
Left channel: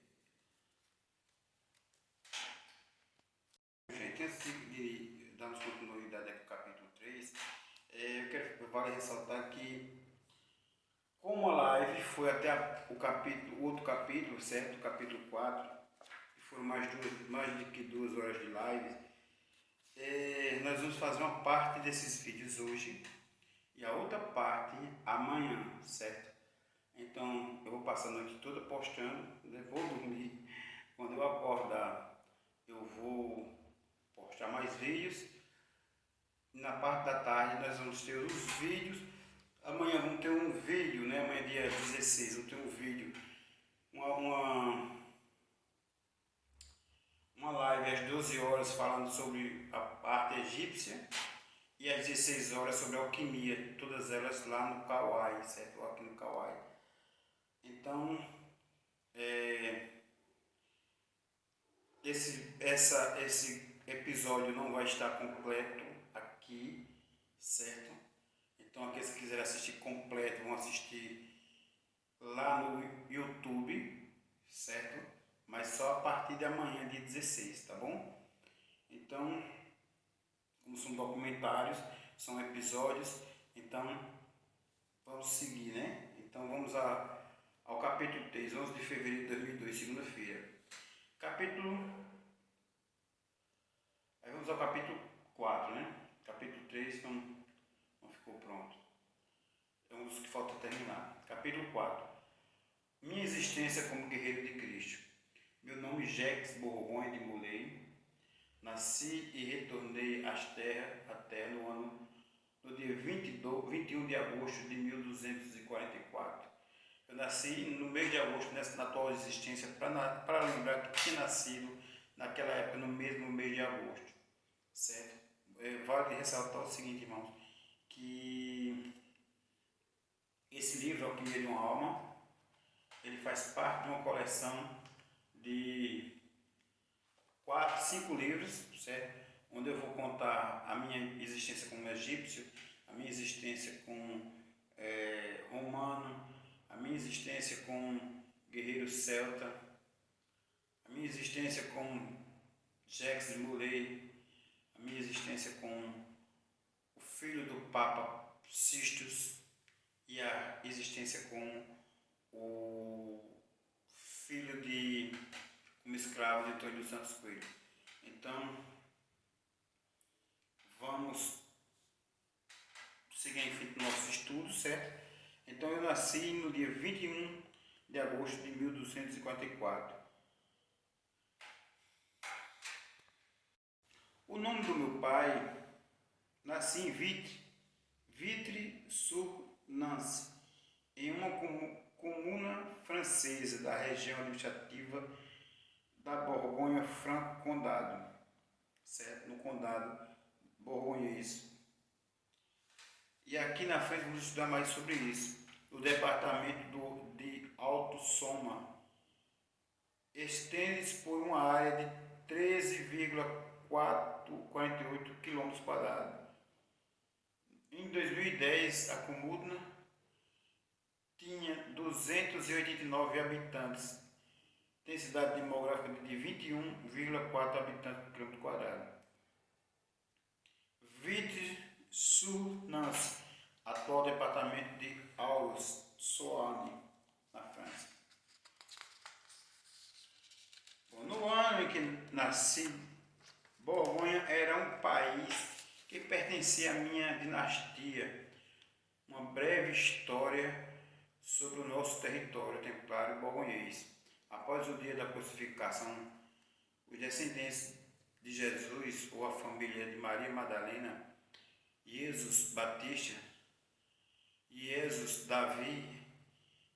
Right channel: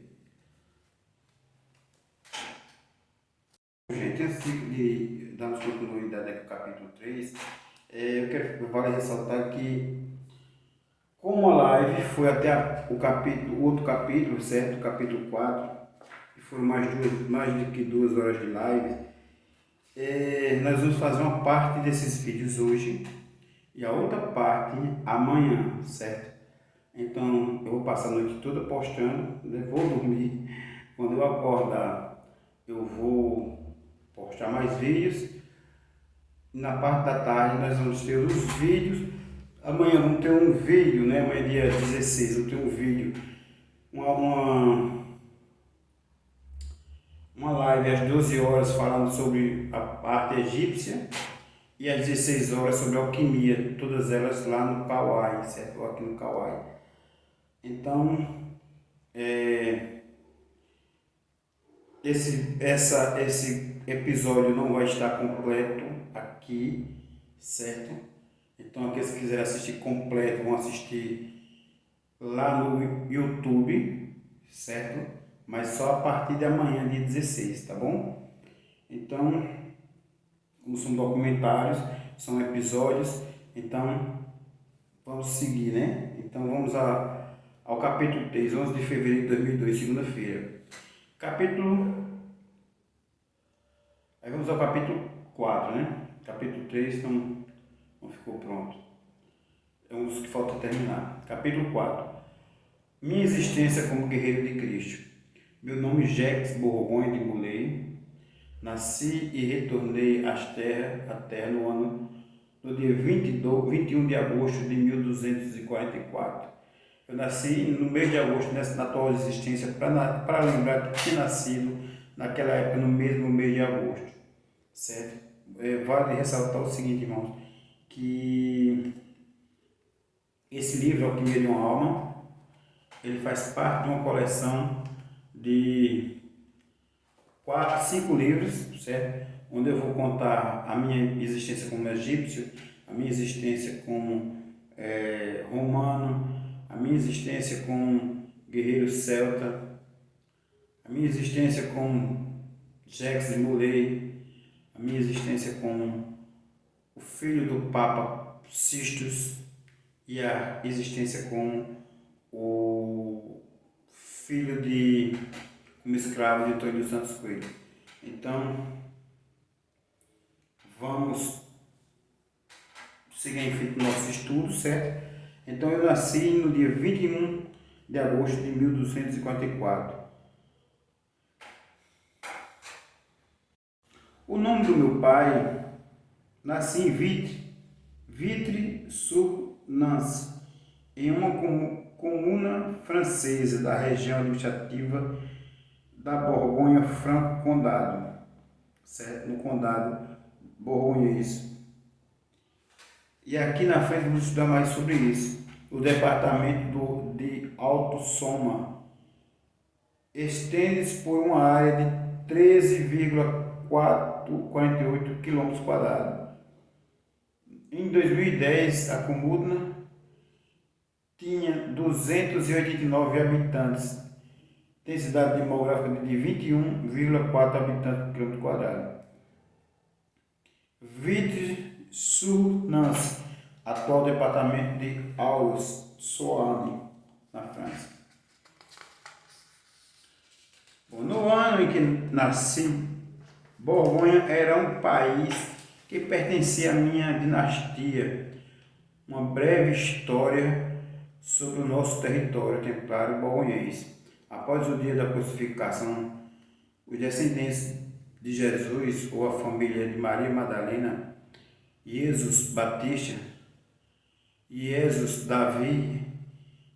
Gente, antes de darmos continuidade aqui ao capítulo 3, vale ressaltar que, como a live foi até o outro capítulo, certo? O capítulo 4, que foram mais de que 2 horas de live, nós vamos fazer uma parte desses vídeos hoje e a outra parte amanhã, certo? Então eu vou passar a noite toda postando, né? Vou dormir. Quando eu acordar, eu vou postar mais vídeos. Na parte da tarde nós vamos ter os vídeos. Amanhã vamos ter um vídeo, né? Amanhã dia 16, vamos ter um vídeo, uma live às 12 horas falando sobre a arte egípcia e às 16 horas sobre alquimia, todas elas lá no Kauai, certo? Aqui no Kauai. Então, esse episódio não vai estar completo aqui, certo? Então, aqueles que quiserem assistir completo vão assistir lá no YouTube, certo? Mas só a partir de amanhã, dia 16, tá bom? Então, como são documentários, são episódios, então vamos seguir, né? Então vamos ao capítulo 3, 11 de fevereiro de 2002, segunda-feira. Aí vamos ao capítulo 4, né? Capítulo 3 não ficou pronto. É um dos que falta terminar. Capítulo 4. Minha existência como guerreiro de Cristo. Meu nome é Jacques Bourgogne de Molay. Nasci e retornei à terra no dia 21 de agosto de 1244. Eu nasci no mês de agosto, na atual existência, para lembrar que tinha nascido naquela época, no mesmo mês de agosto. Certo? Vale ressaltar o seguinte, irmãos, que esse livro, Alquimia de uma Alma, ele faz parte de uma coleção de 5 livros, certo? Onde eu vou contar a minha existência como egípcio, a minha existência como romano, a minha existência como guerreiro celta, a minha existência como Jacques de Molay, a minha existência como o filho do Papa Sixtus e a existência como o filho como escravo de Antônio dos Santos Coelho. Então, vamos seguir em frente no nosso estudo, certo? Então eu nasci no dia 21 de agosto de 1254. O nome do meu pai, nasci em Vitry-sur-Nance, em uma comuna francesa da região administrativa da Borgonha-Franco-Condado, certo? No condado borgonhês. E aqui na frente vamos estudar mais sobre isso. O departamento de Alto Soma estende-se por uma área de 13,448 km². Em 2010, a comuna tinha 289 habitantes, densidade demográfica de 21,4 habitantes por km². Vitry-sur-Nance, atual departamento de Haute-Saône, na França. Bom, no ano em que nasci, Borgonha era um país que pertencia à minha dinastia. Uma breve história sobre o nosso território templário borgonhês. Após o dia da crucificação, os descendentes de Jesus, ou a família de Maria Madalena, Jesus Batista, Jesus Davi,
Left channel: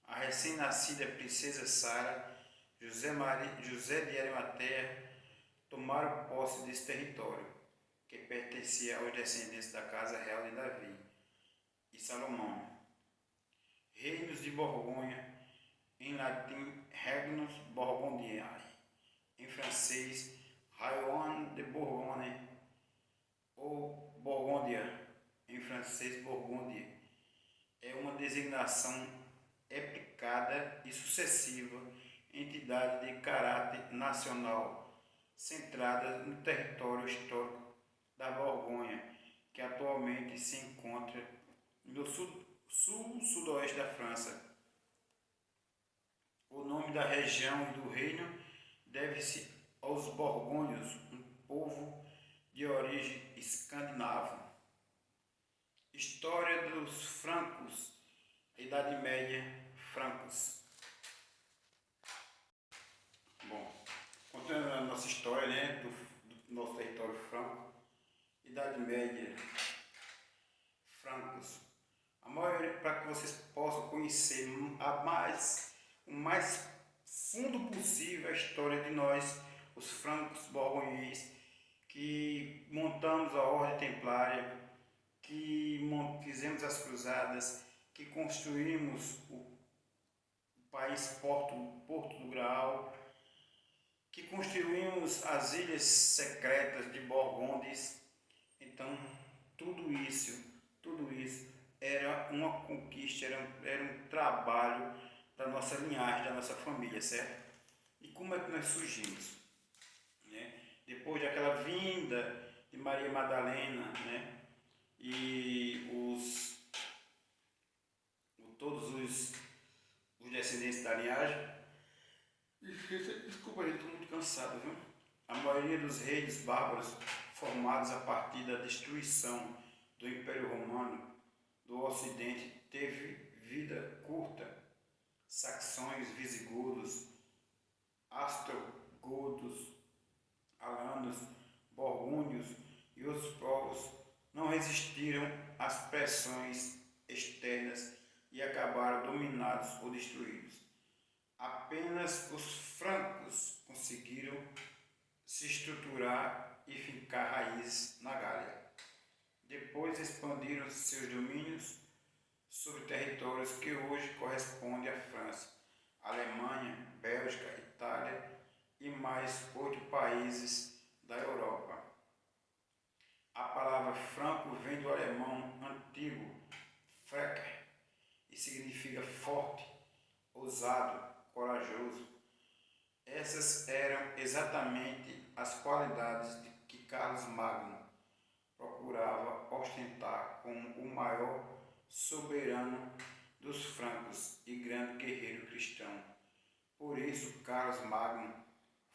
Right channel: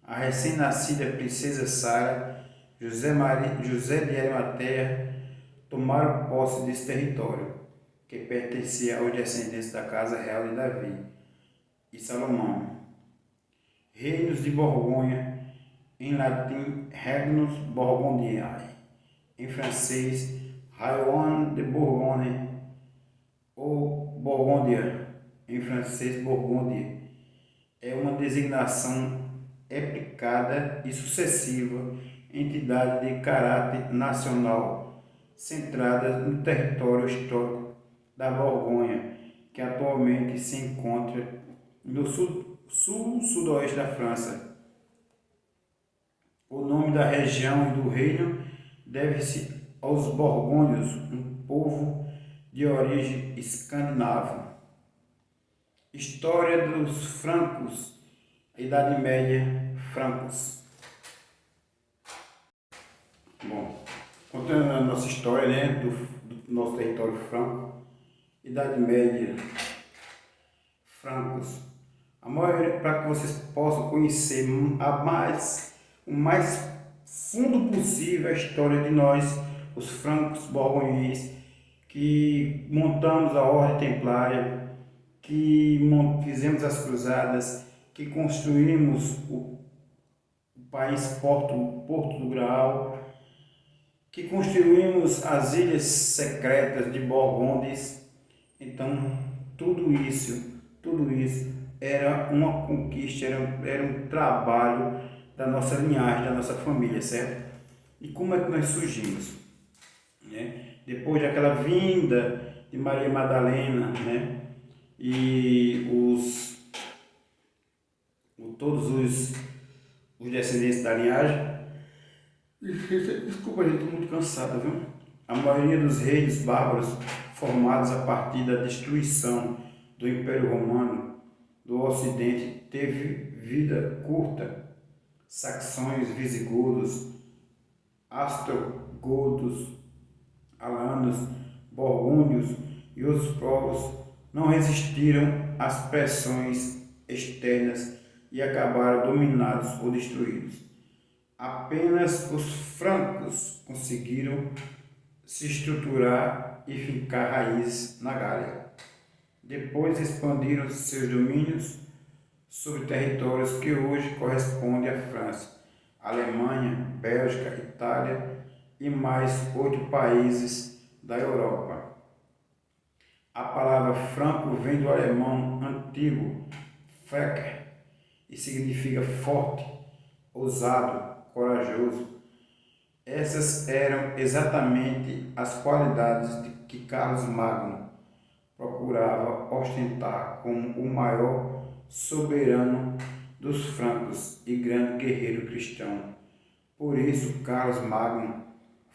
a recém-nascida princesa Sara, José de Arimateia, tomaram posse desse território, que pertencia aos descendentes da casa real de Davi e Salomão. Reinos de Borgonha, em latim Regnus Burgundiae, em francês Royaume de Bourgogne, ou Borgôndia, em francês Burgúndia, é uma designação aplicada e sucessiva entidade de caráter nacional centrada no território histórico da Borgonha, que atualmente se encontra no sul-sudoeste da França. O nome da região e do reino deve-se aos borgônios, um povo de origem escandinava. História dos francos, Idade Média, francos. Bom, contando a nossa história, né, do nosso território franco, Idade Média, francos. A maioria, para que vocês possam conhecer o mais fundo possível a história de nós, os francos borgonhês, que montamos a Ordem Templária, que fizemos as cruzadas, que construímos o país Porto do Graal, que construímos as ilhas secretas de Borgondes. Então, tudo isso era uma conquista, era um trabalho da nossa linhagem, da nossa família, certo? E como é que nós surgimos? Né? Depois daquela vinda de Maria Madalena, né? E todos os descendentes da linhagem. Desculpa, gente, estou muito cansado, viu? A maioria dos reis bárbaros formados a partir da destruição do Império Romano do Ocidente teve vida curta. Saxões, visigodos, ostrogodos, alanos, burgúndios e outros povos não resistiram às pressões externas e acabaram dominados ou destruídos. Apenas os francos conseguiram se estruturar e fincar raízes na Gália. Depois expandiram seus domínios sobre territórios que hoje correspondem à França, Alemanha, Bélgica, Itália e mais 8 países da Europa. A palavra franco vem do alemão antigo "Frecker" e significa forte, ousado, corajoso. Essas eram exatamente as qualidades que Carlos Magno procurava ostentar como o maior soberano dos francos e grande guerreiro cristão. Por isso, Carlos Magno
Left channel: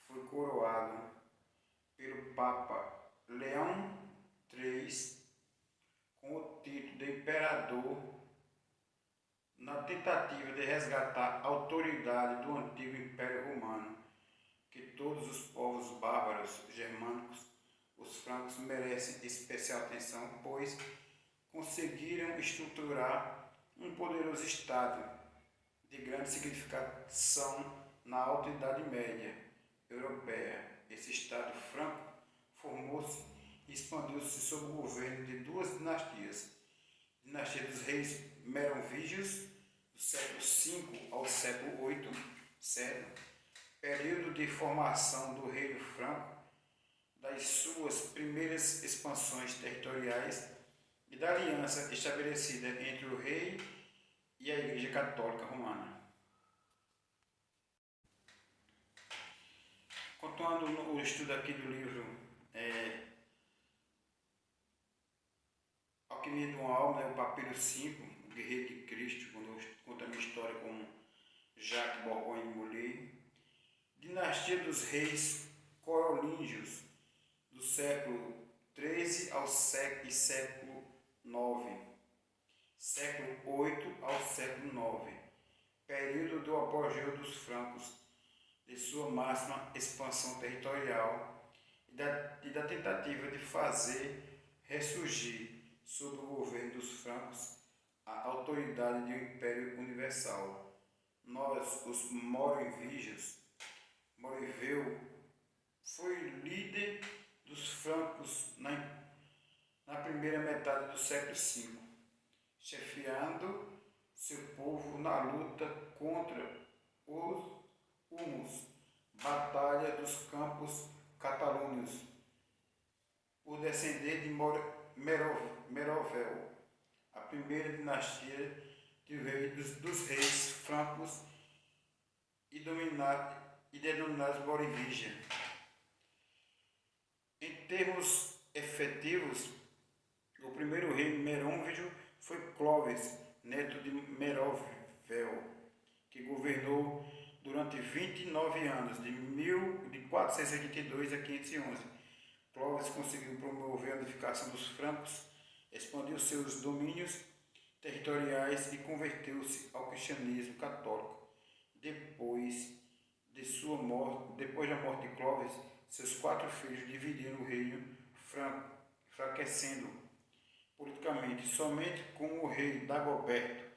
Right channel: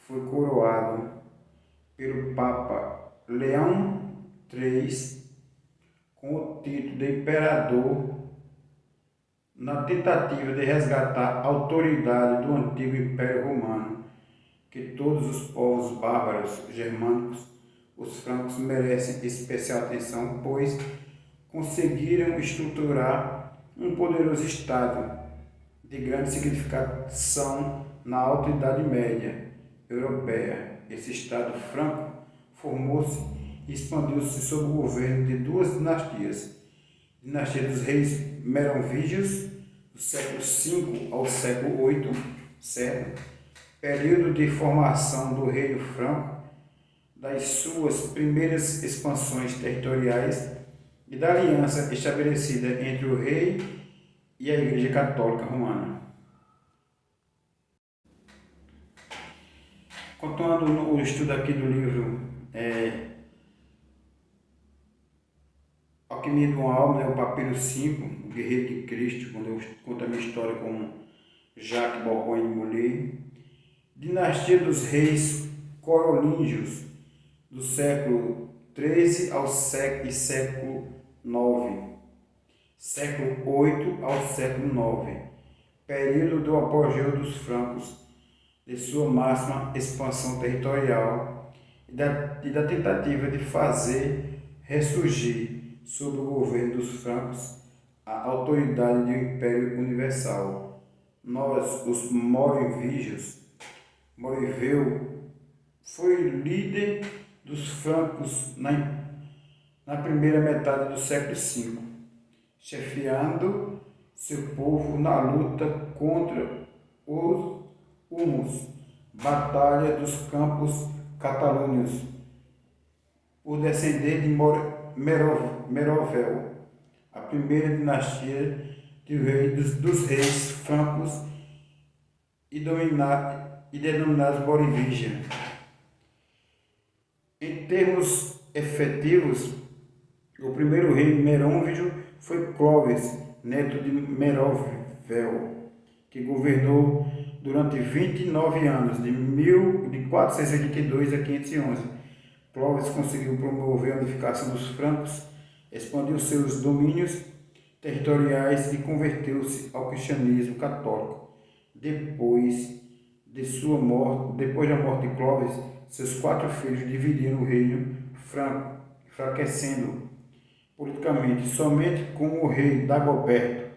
foi coroado pelo Papa Leão III com o título de imperador na tentativa de resgatar a autoridade do antigo Império Romano, que todos os povos bárbaros germânicos, os francos, merecem especial atenção, pois conseguiram estruturar um poderoso Estado de grande significação na Alta Idade Média europeia. Esse Estado franco formou-se e expandiu-se sob o governo de duas dinastias: dinastia dos reis merovígios, do século V ao século VIII, certo? Período de formação do Reino Franco, das suas primeiras expansões territoriais e da aliança estabelecida entre o rei e a Igreja Católica Romana. Continuando o estudo aqui do livro Alquimia de uma Alma, o Papiro 5, o Guerreiro de Cristo, quando eu conto a minha história com Jacques Borgonha de Molay. Dinastia dos Reis Carolíngios, do século XIII ao século IX, século VIII ao século IX, período do apogeu dos francos, de sua máxima expansão territorial e da tentativa de fazer ressurgir, sob o governo dos francos, a autoridade de um império universal. Nós, os Merovígios, Moriveu foi líder dos francos na primeira metade do século V, chefiando seu povo na luta contra os hunos, Batalha dos Campos Catalâneos, por descender de Merovel, a primeira dinastia dos reis francos e denominados Merovígia. Em termos efetivos, o primeiro rei merovingio foi Clovis, neto de Merovel, que governou durante 29 anos, de 482 a 511. Clovis conseguiu promover a unificação dos francos, expandiu seus domínios territoriais e converteu-se ao cristianismo católico. Depois da morte de Clovis, seus 4 filhos dividiram o reino franco, enfraquecendo politicamente. Somente com o rei Dagoberto,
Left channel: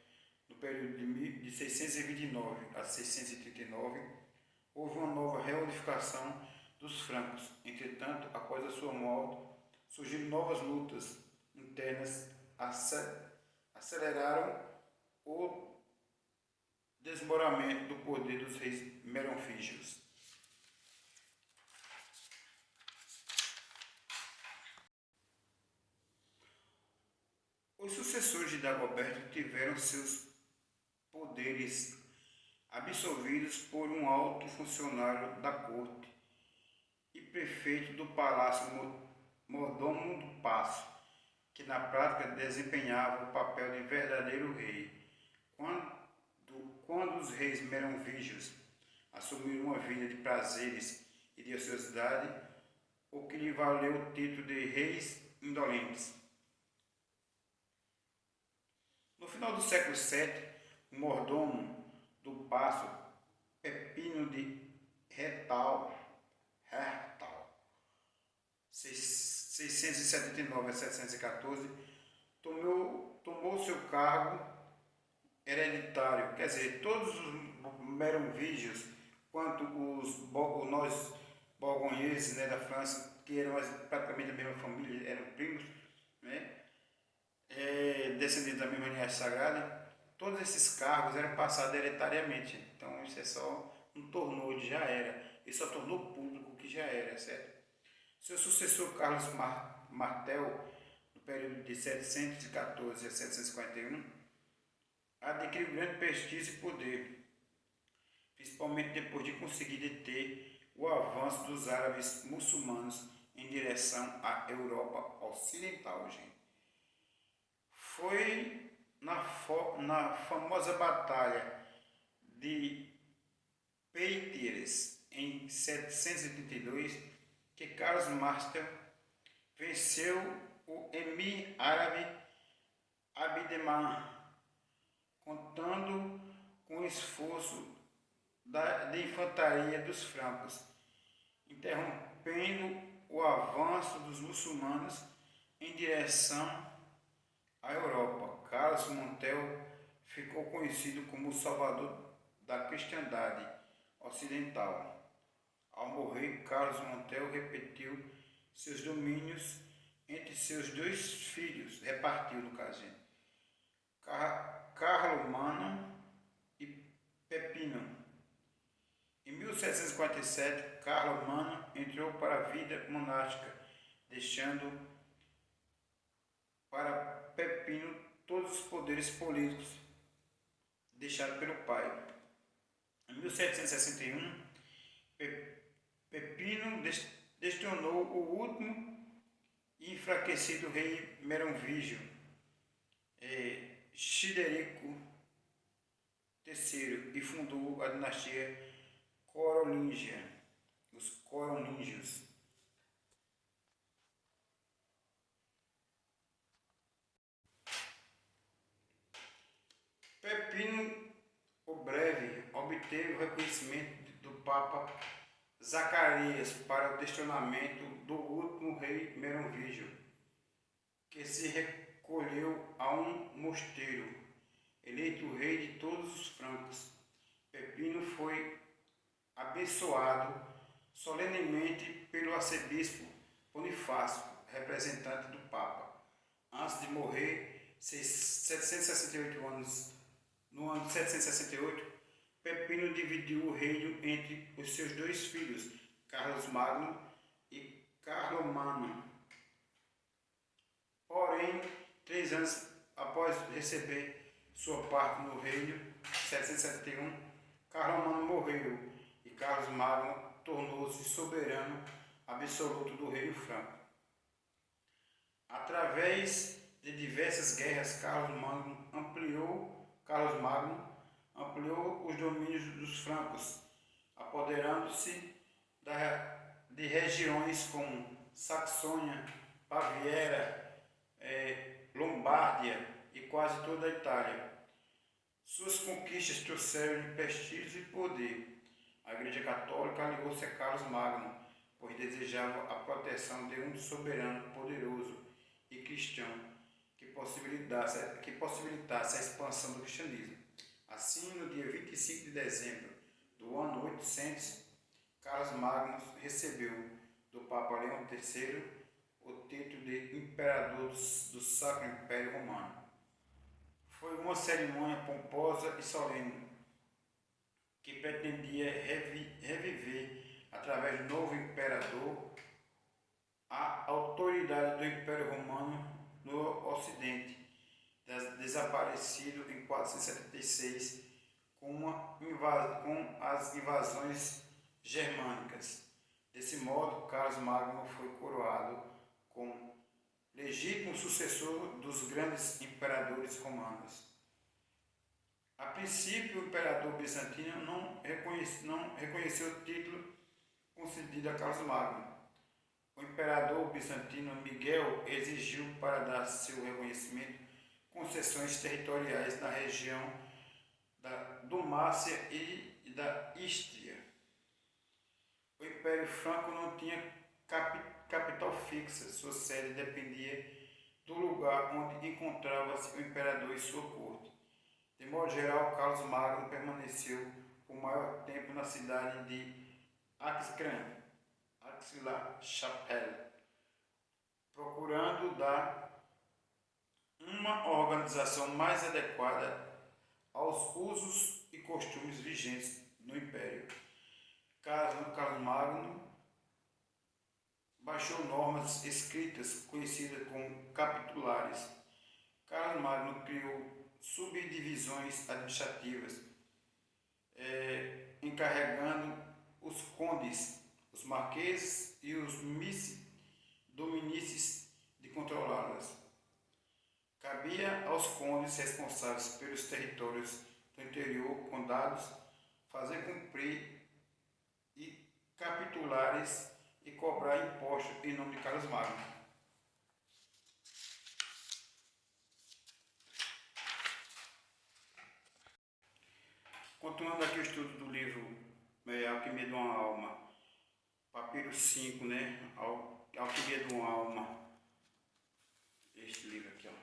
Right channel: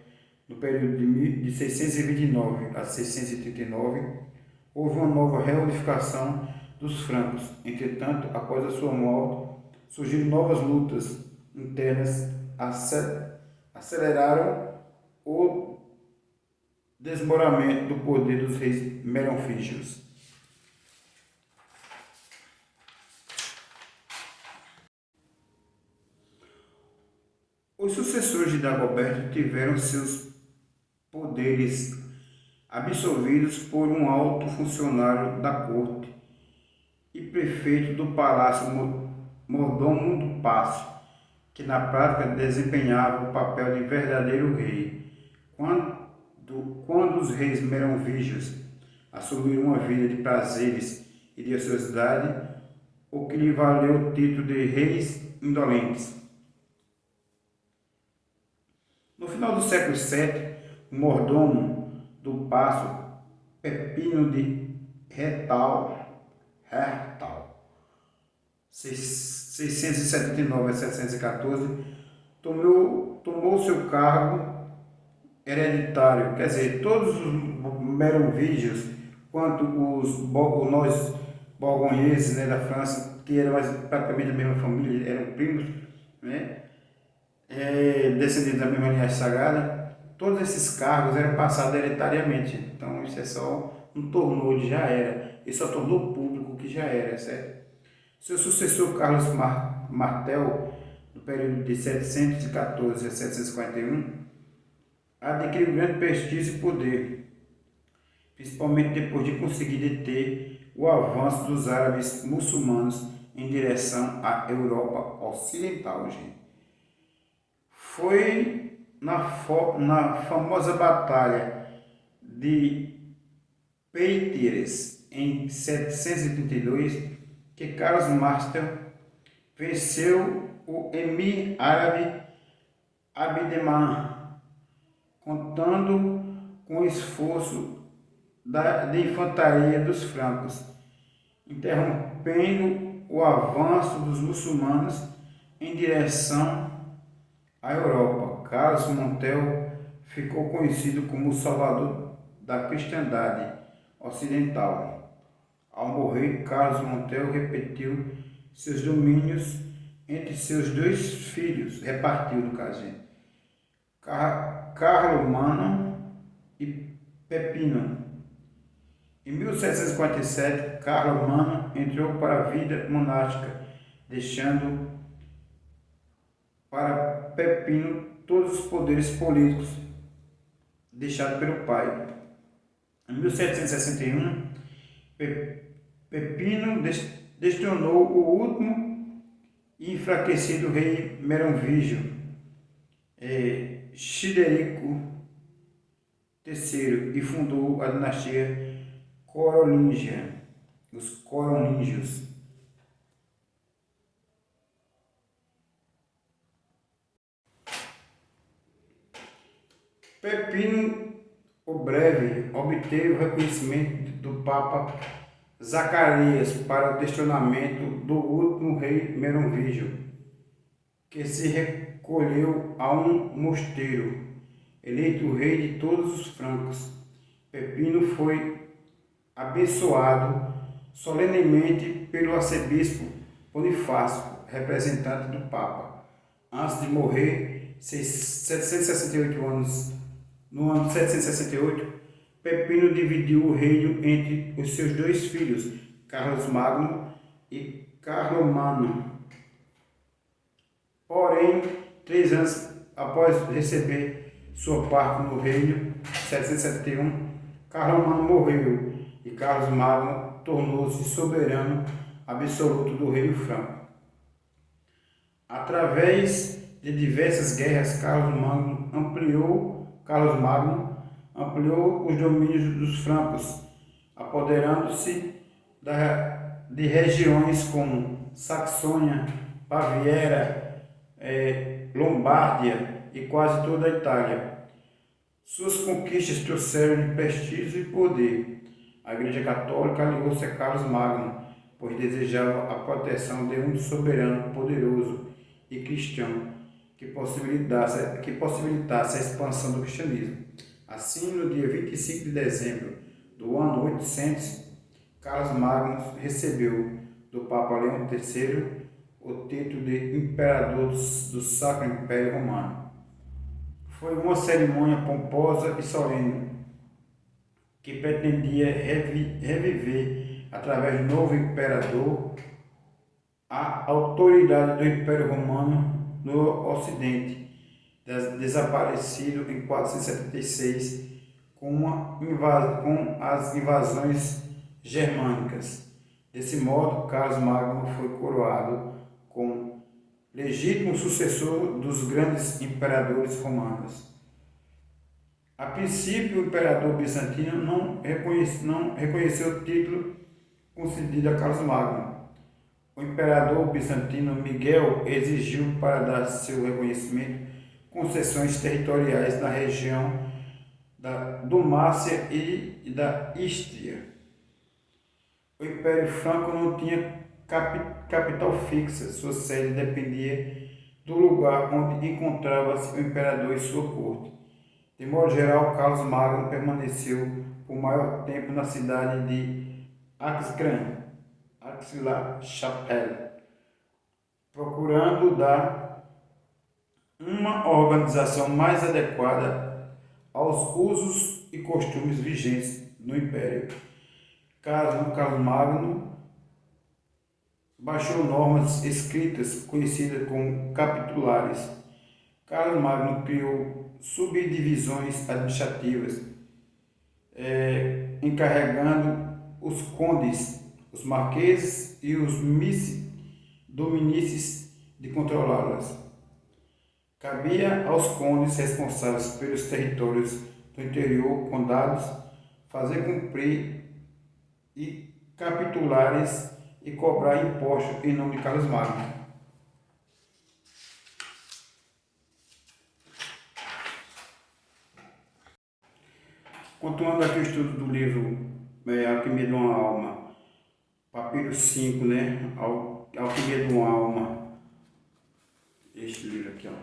no período de 629 a 639, houve uma nova reunificação dos francos. Entretanto, após a sua morte, surgiram novas lutas internas, aceleraram o desmoronamento do poder dos reis merovíngios. Os sucessores de Dagoberto tiveram seus poderes absolvidos por um alto funcionário da corte e prefeito do palácio, mordomo do paço, que na prática desempenhava o papel de verdadeiro rei. Quando os reis merovígios assumiram uma vida de prazeres e de ociosidade, o que lhe valeu o título de reis indolentes. No final do século VII, o mordomo do paço, Pepino de Hertal, 679 a 714, tomou seu cargo hereditário, quer dizer, todos os merovígios, quanto os borgonheses, né, da França, que eram praticamente a mesma família, eram primos, né, descendentes da mesma linhagem sagrada, todos esses cargos eram passados hereditariamente. Então isso é só um tornou de já era, ele só tornou público que já era, certo? Seu sucessor Carlos Martel, no período de 714 a 741, adquiriu grande prestígio e poder, principalmente depois de conseguir deter o avanço dos árabes muçulmanos em direção à Europa Ocidental. Gente. Foi na famosa batalha de Poitiers, em 732, que Carlos Martel venceu o emir árabe Abderrahmane, contando com o esforço de infantaria dos francos, interrompendo o avanço dos muçulmanos em direção à Europa. Carlos Montel ficou conhecido como o salvador da cristandade ocidental. Ao morrer, Carlos Montel repartiu seus domínios entre seus dois filhos, Carlomano e Pepino. Em 1747, Carlomano entrou para a vida monástica, deixando para Pepino todos os poderes políticos deixados pelo pai. Em 1761, Pepino destronou o último e enfraquecido rei merovingio, Childerico III, e fundou a dinastia Carolíngia, os Carolíngios. Pepino o Breve obteve o reconhecimento do Papa Zacarias para o destronamento do último rei merovingio, que se recolheu a um mosteiro, eleito rei de todos os francos. Pepino foi abençoado solenemente pelo arcebispo Bonifácio, representante do Papa. Antes de morrer, 768 anos, no ano de 768, Pepino dividiu o reino entre os seus dois filhos, Carlos Magno e Carlomano. Porém, 3 anos após receber sua parte no reino, 771, Carlomano morreu e Carlos Magno tornou-se soberano absoluto do reino franco. Através de diversas guerras, Carlos Magno ampliou os domínios dos francos, apoderando-se de regiões como Saxônia, Baviera, Lombardia e quase toda a Itália. Suas conquistas trouxeram-lhe prestígio e poder. A Igreja Católica aliou-se a Carlos Magno, pois desejava a proteção de um soberano poderoso e cristão que possibilitasse a expansão do cristianismo. Assim, no dia 25 de dezembro do ano 800, Carlos Magno recebeu do Papa Leão III o título de Imperador do Sacro Império Romano. Foi uma cerimônia pomposa e solene que pretendia reviver, através do novo imperador, a autoridade do Império Romano no Ocidente, desaparecido em 476 com as invasões germânicas. Desse modo, Carlos Magno foi coroado como legítimo sucessor dos grandes imperadores romanos. A princípio, o imperador bizantino não reconheceu o título concedido a Carlos Magno. O imperador bizantino Miguel exigiu, para dar seu reconhecimento, concessões territoriais na região da Dalmácia e da Istria. O Império Franco não tinha capital fixa, sua sede dependia do lugar onde encontrava-se o imperador e sua corte. De modo geral, Carlos Magno permaneceu por maior tempo na cidade de Aix-la-Chapelle, procurando dar uma organização mais adequada aos usos e costumes vigentes no Império. Carlos Magno baixou normas escritas conhecidas como capitulares. Carlos Magno criou subdivisões administrativas, encarregando os condes, os marqueses e os dominices de controlá-las. Cabia aos condes responsáveis pelos territórios do interior, condados, fazer cumprir e capitulares e cobrar impostos em nome de Carlos Magno. Continuando aqui o estudo do livro Alquimia de uma Alma, papiro 5, né? Alquimia de uma Alma. Este livro aqui, ó.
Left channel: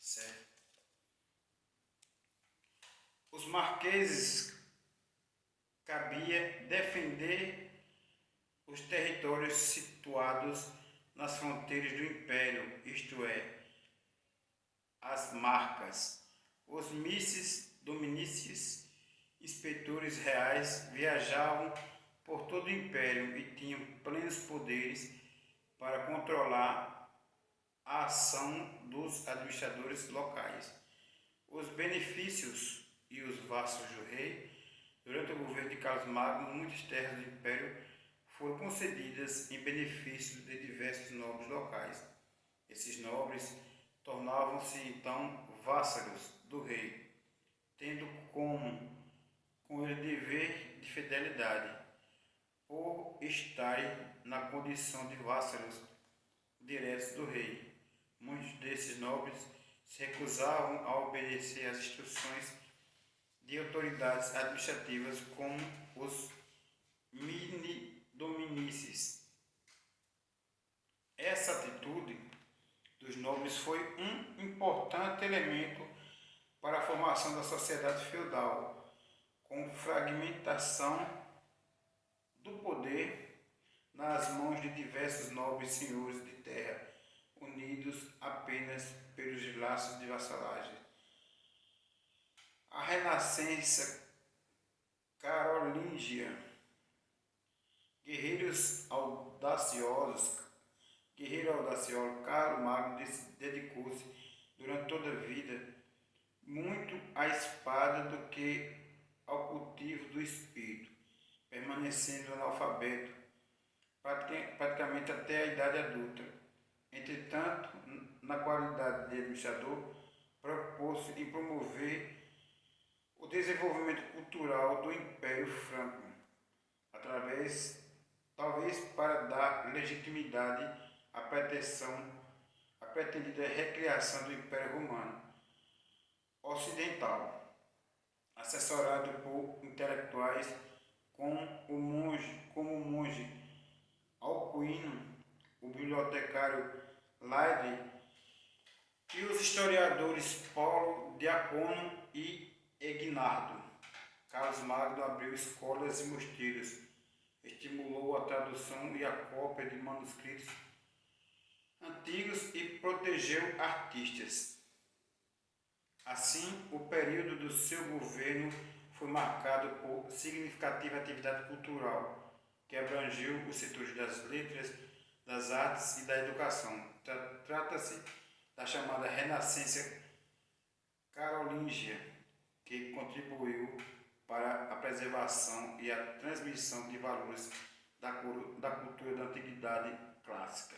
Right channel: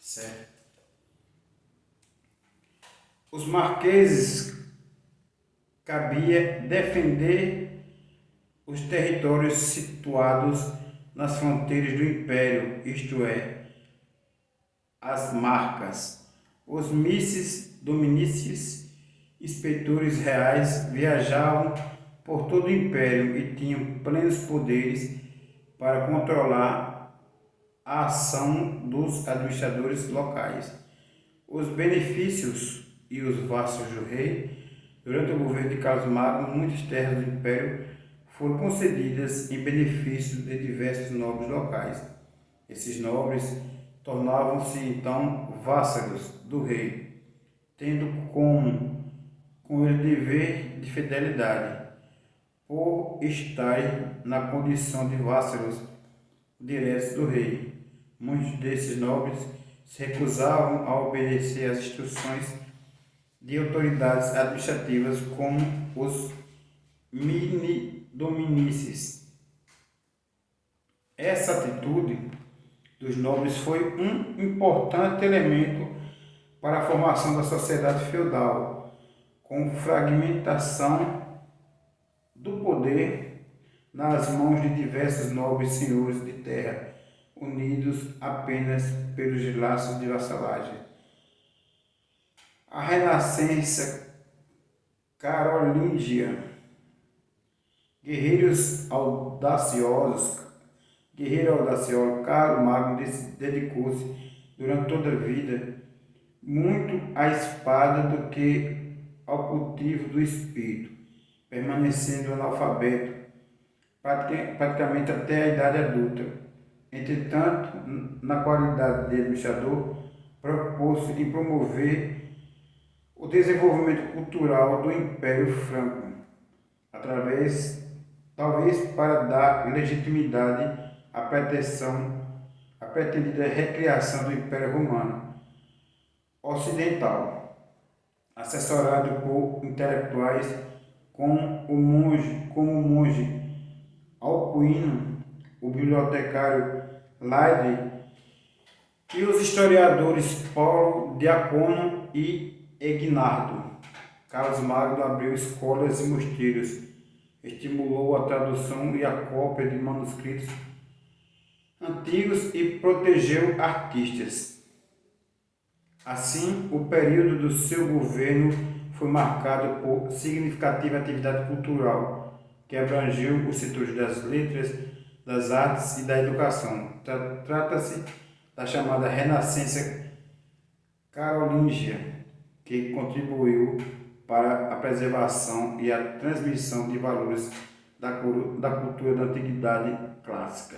Certo? Os marqueses cabia defender os territórios situados nas fronteiras do império, isto é, as marcas. Os misses, dominices, inspetores reais viajavam por todo o império e tinham plenos poderes para controlar a ação dos administradores locais. Os benefícios e os vastos do rei. Durante o governo de Carlos Magno, muitas terras do império foram concedidas em benefício de diversos nobres locais. Esses nobres tornavam-se então vassalos do rei, tendo com ele dever de fidelidade, por estar na condição de vassalos diretos do rei. Muitos desses nobres se recusavam a obedecer às instruções de autoridades administrativas como os mini-dominices. Essa atitude dos nobres foi um importante elemento para a formação da sociedade feudal, com fragmentação do poder nas mãos de diversos nobres senhores de terra, unidos apenas pelos laços de vassalagem. A renascença carolíngia, guerreiro audacioso, Carlos Magno dedicou-se durante toda a vida muito à espada do que ao cultivo do espírito, permanecendo analfabeto praticamente até a idade adulta. Entretanto, na qualidade de administrador, propôs-se em promover o desenvolvimento cultural do Império Franco, talvez para dar legitimidade à pretendida recriação do Império Romano Ocidental, assessorado por intelectuais como o monge Alcuino, o bibliotecário Laide e os historiadores Paulo Diácono e Egnardo. Carlos Magno abriu escolas e mosteiros, estimulou a tradução e a cópia de manuscritos antigos e protegeu artistas. Assim, o período do seu governo foi marcado por significativa atividade cultural, que abrangeu os setores das letras, das artes e da educação. Trata-se da chamada Renascença Carolíngia, que contribuiu para a preservação e a transmissão de valores da cultura da Antiguidade Clássica.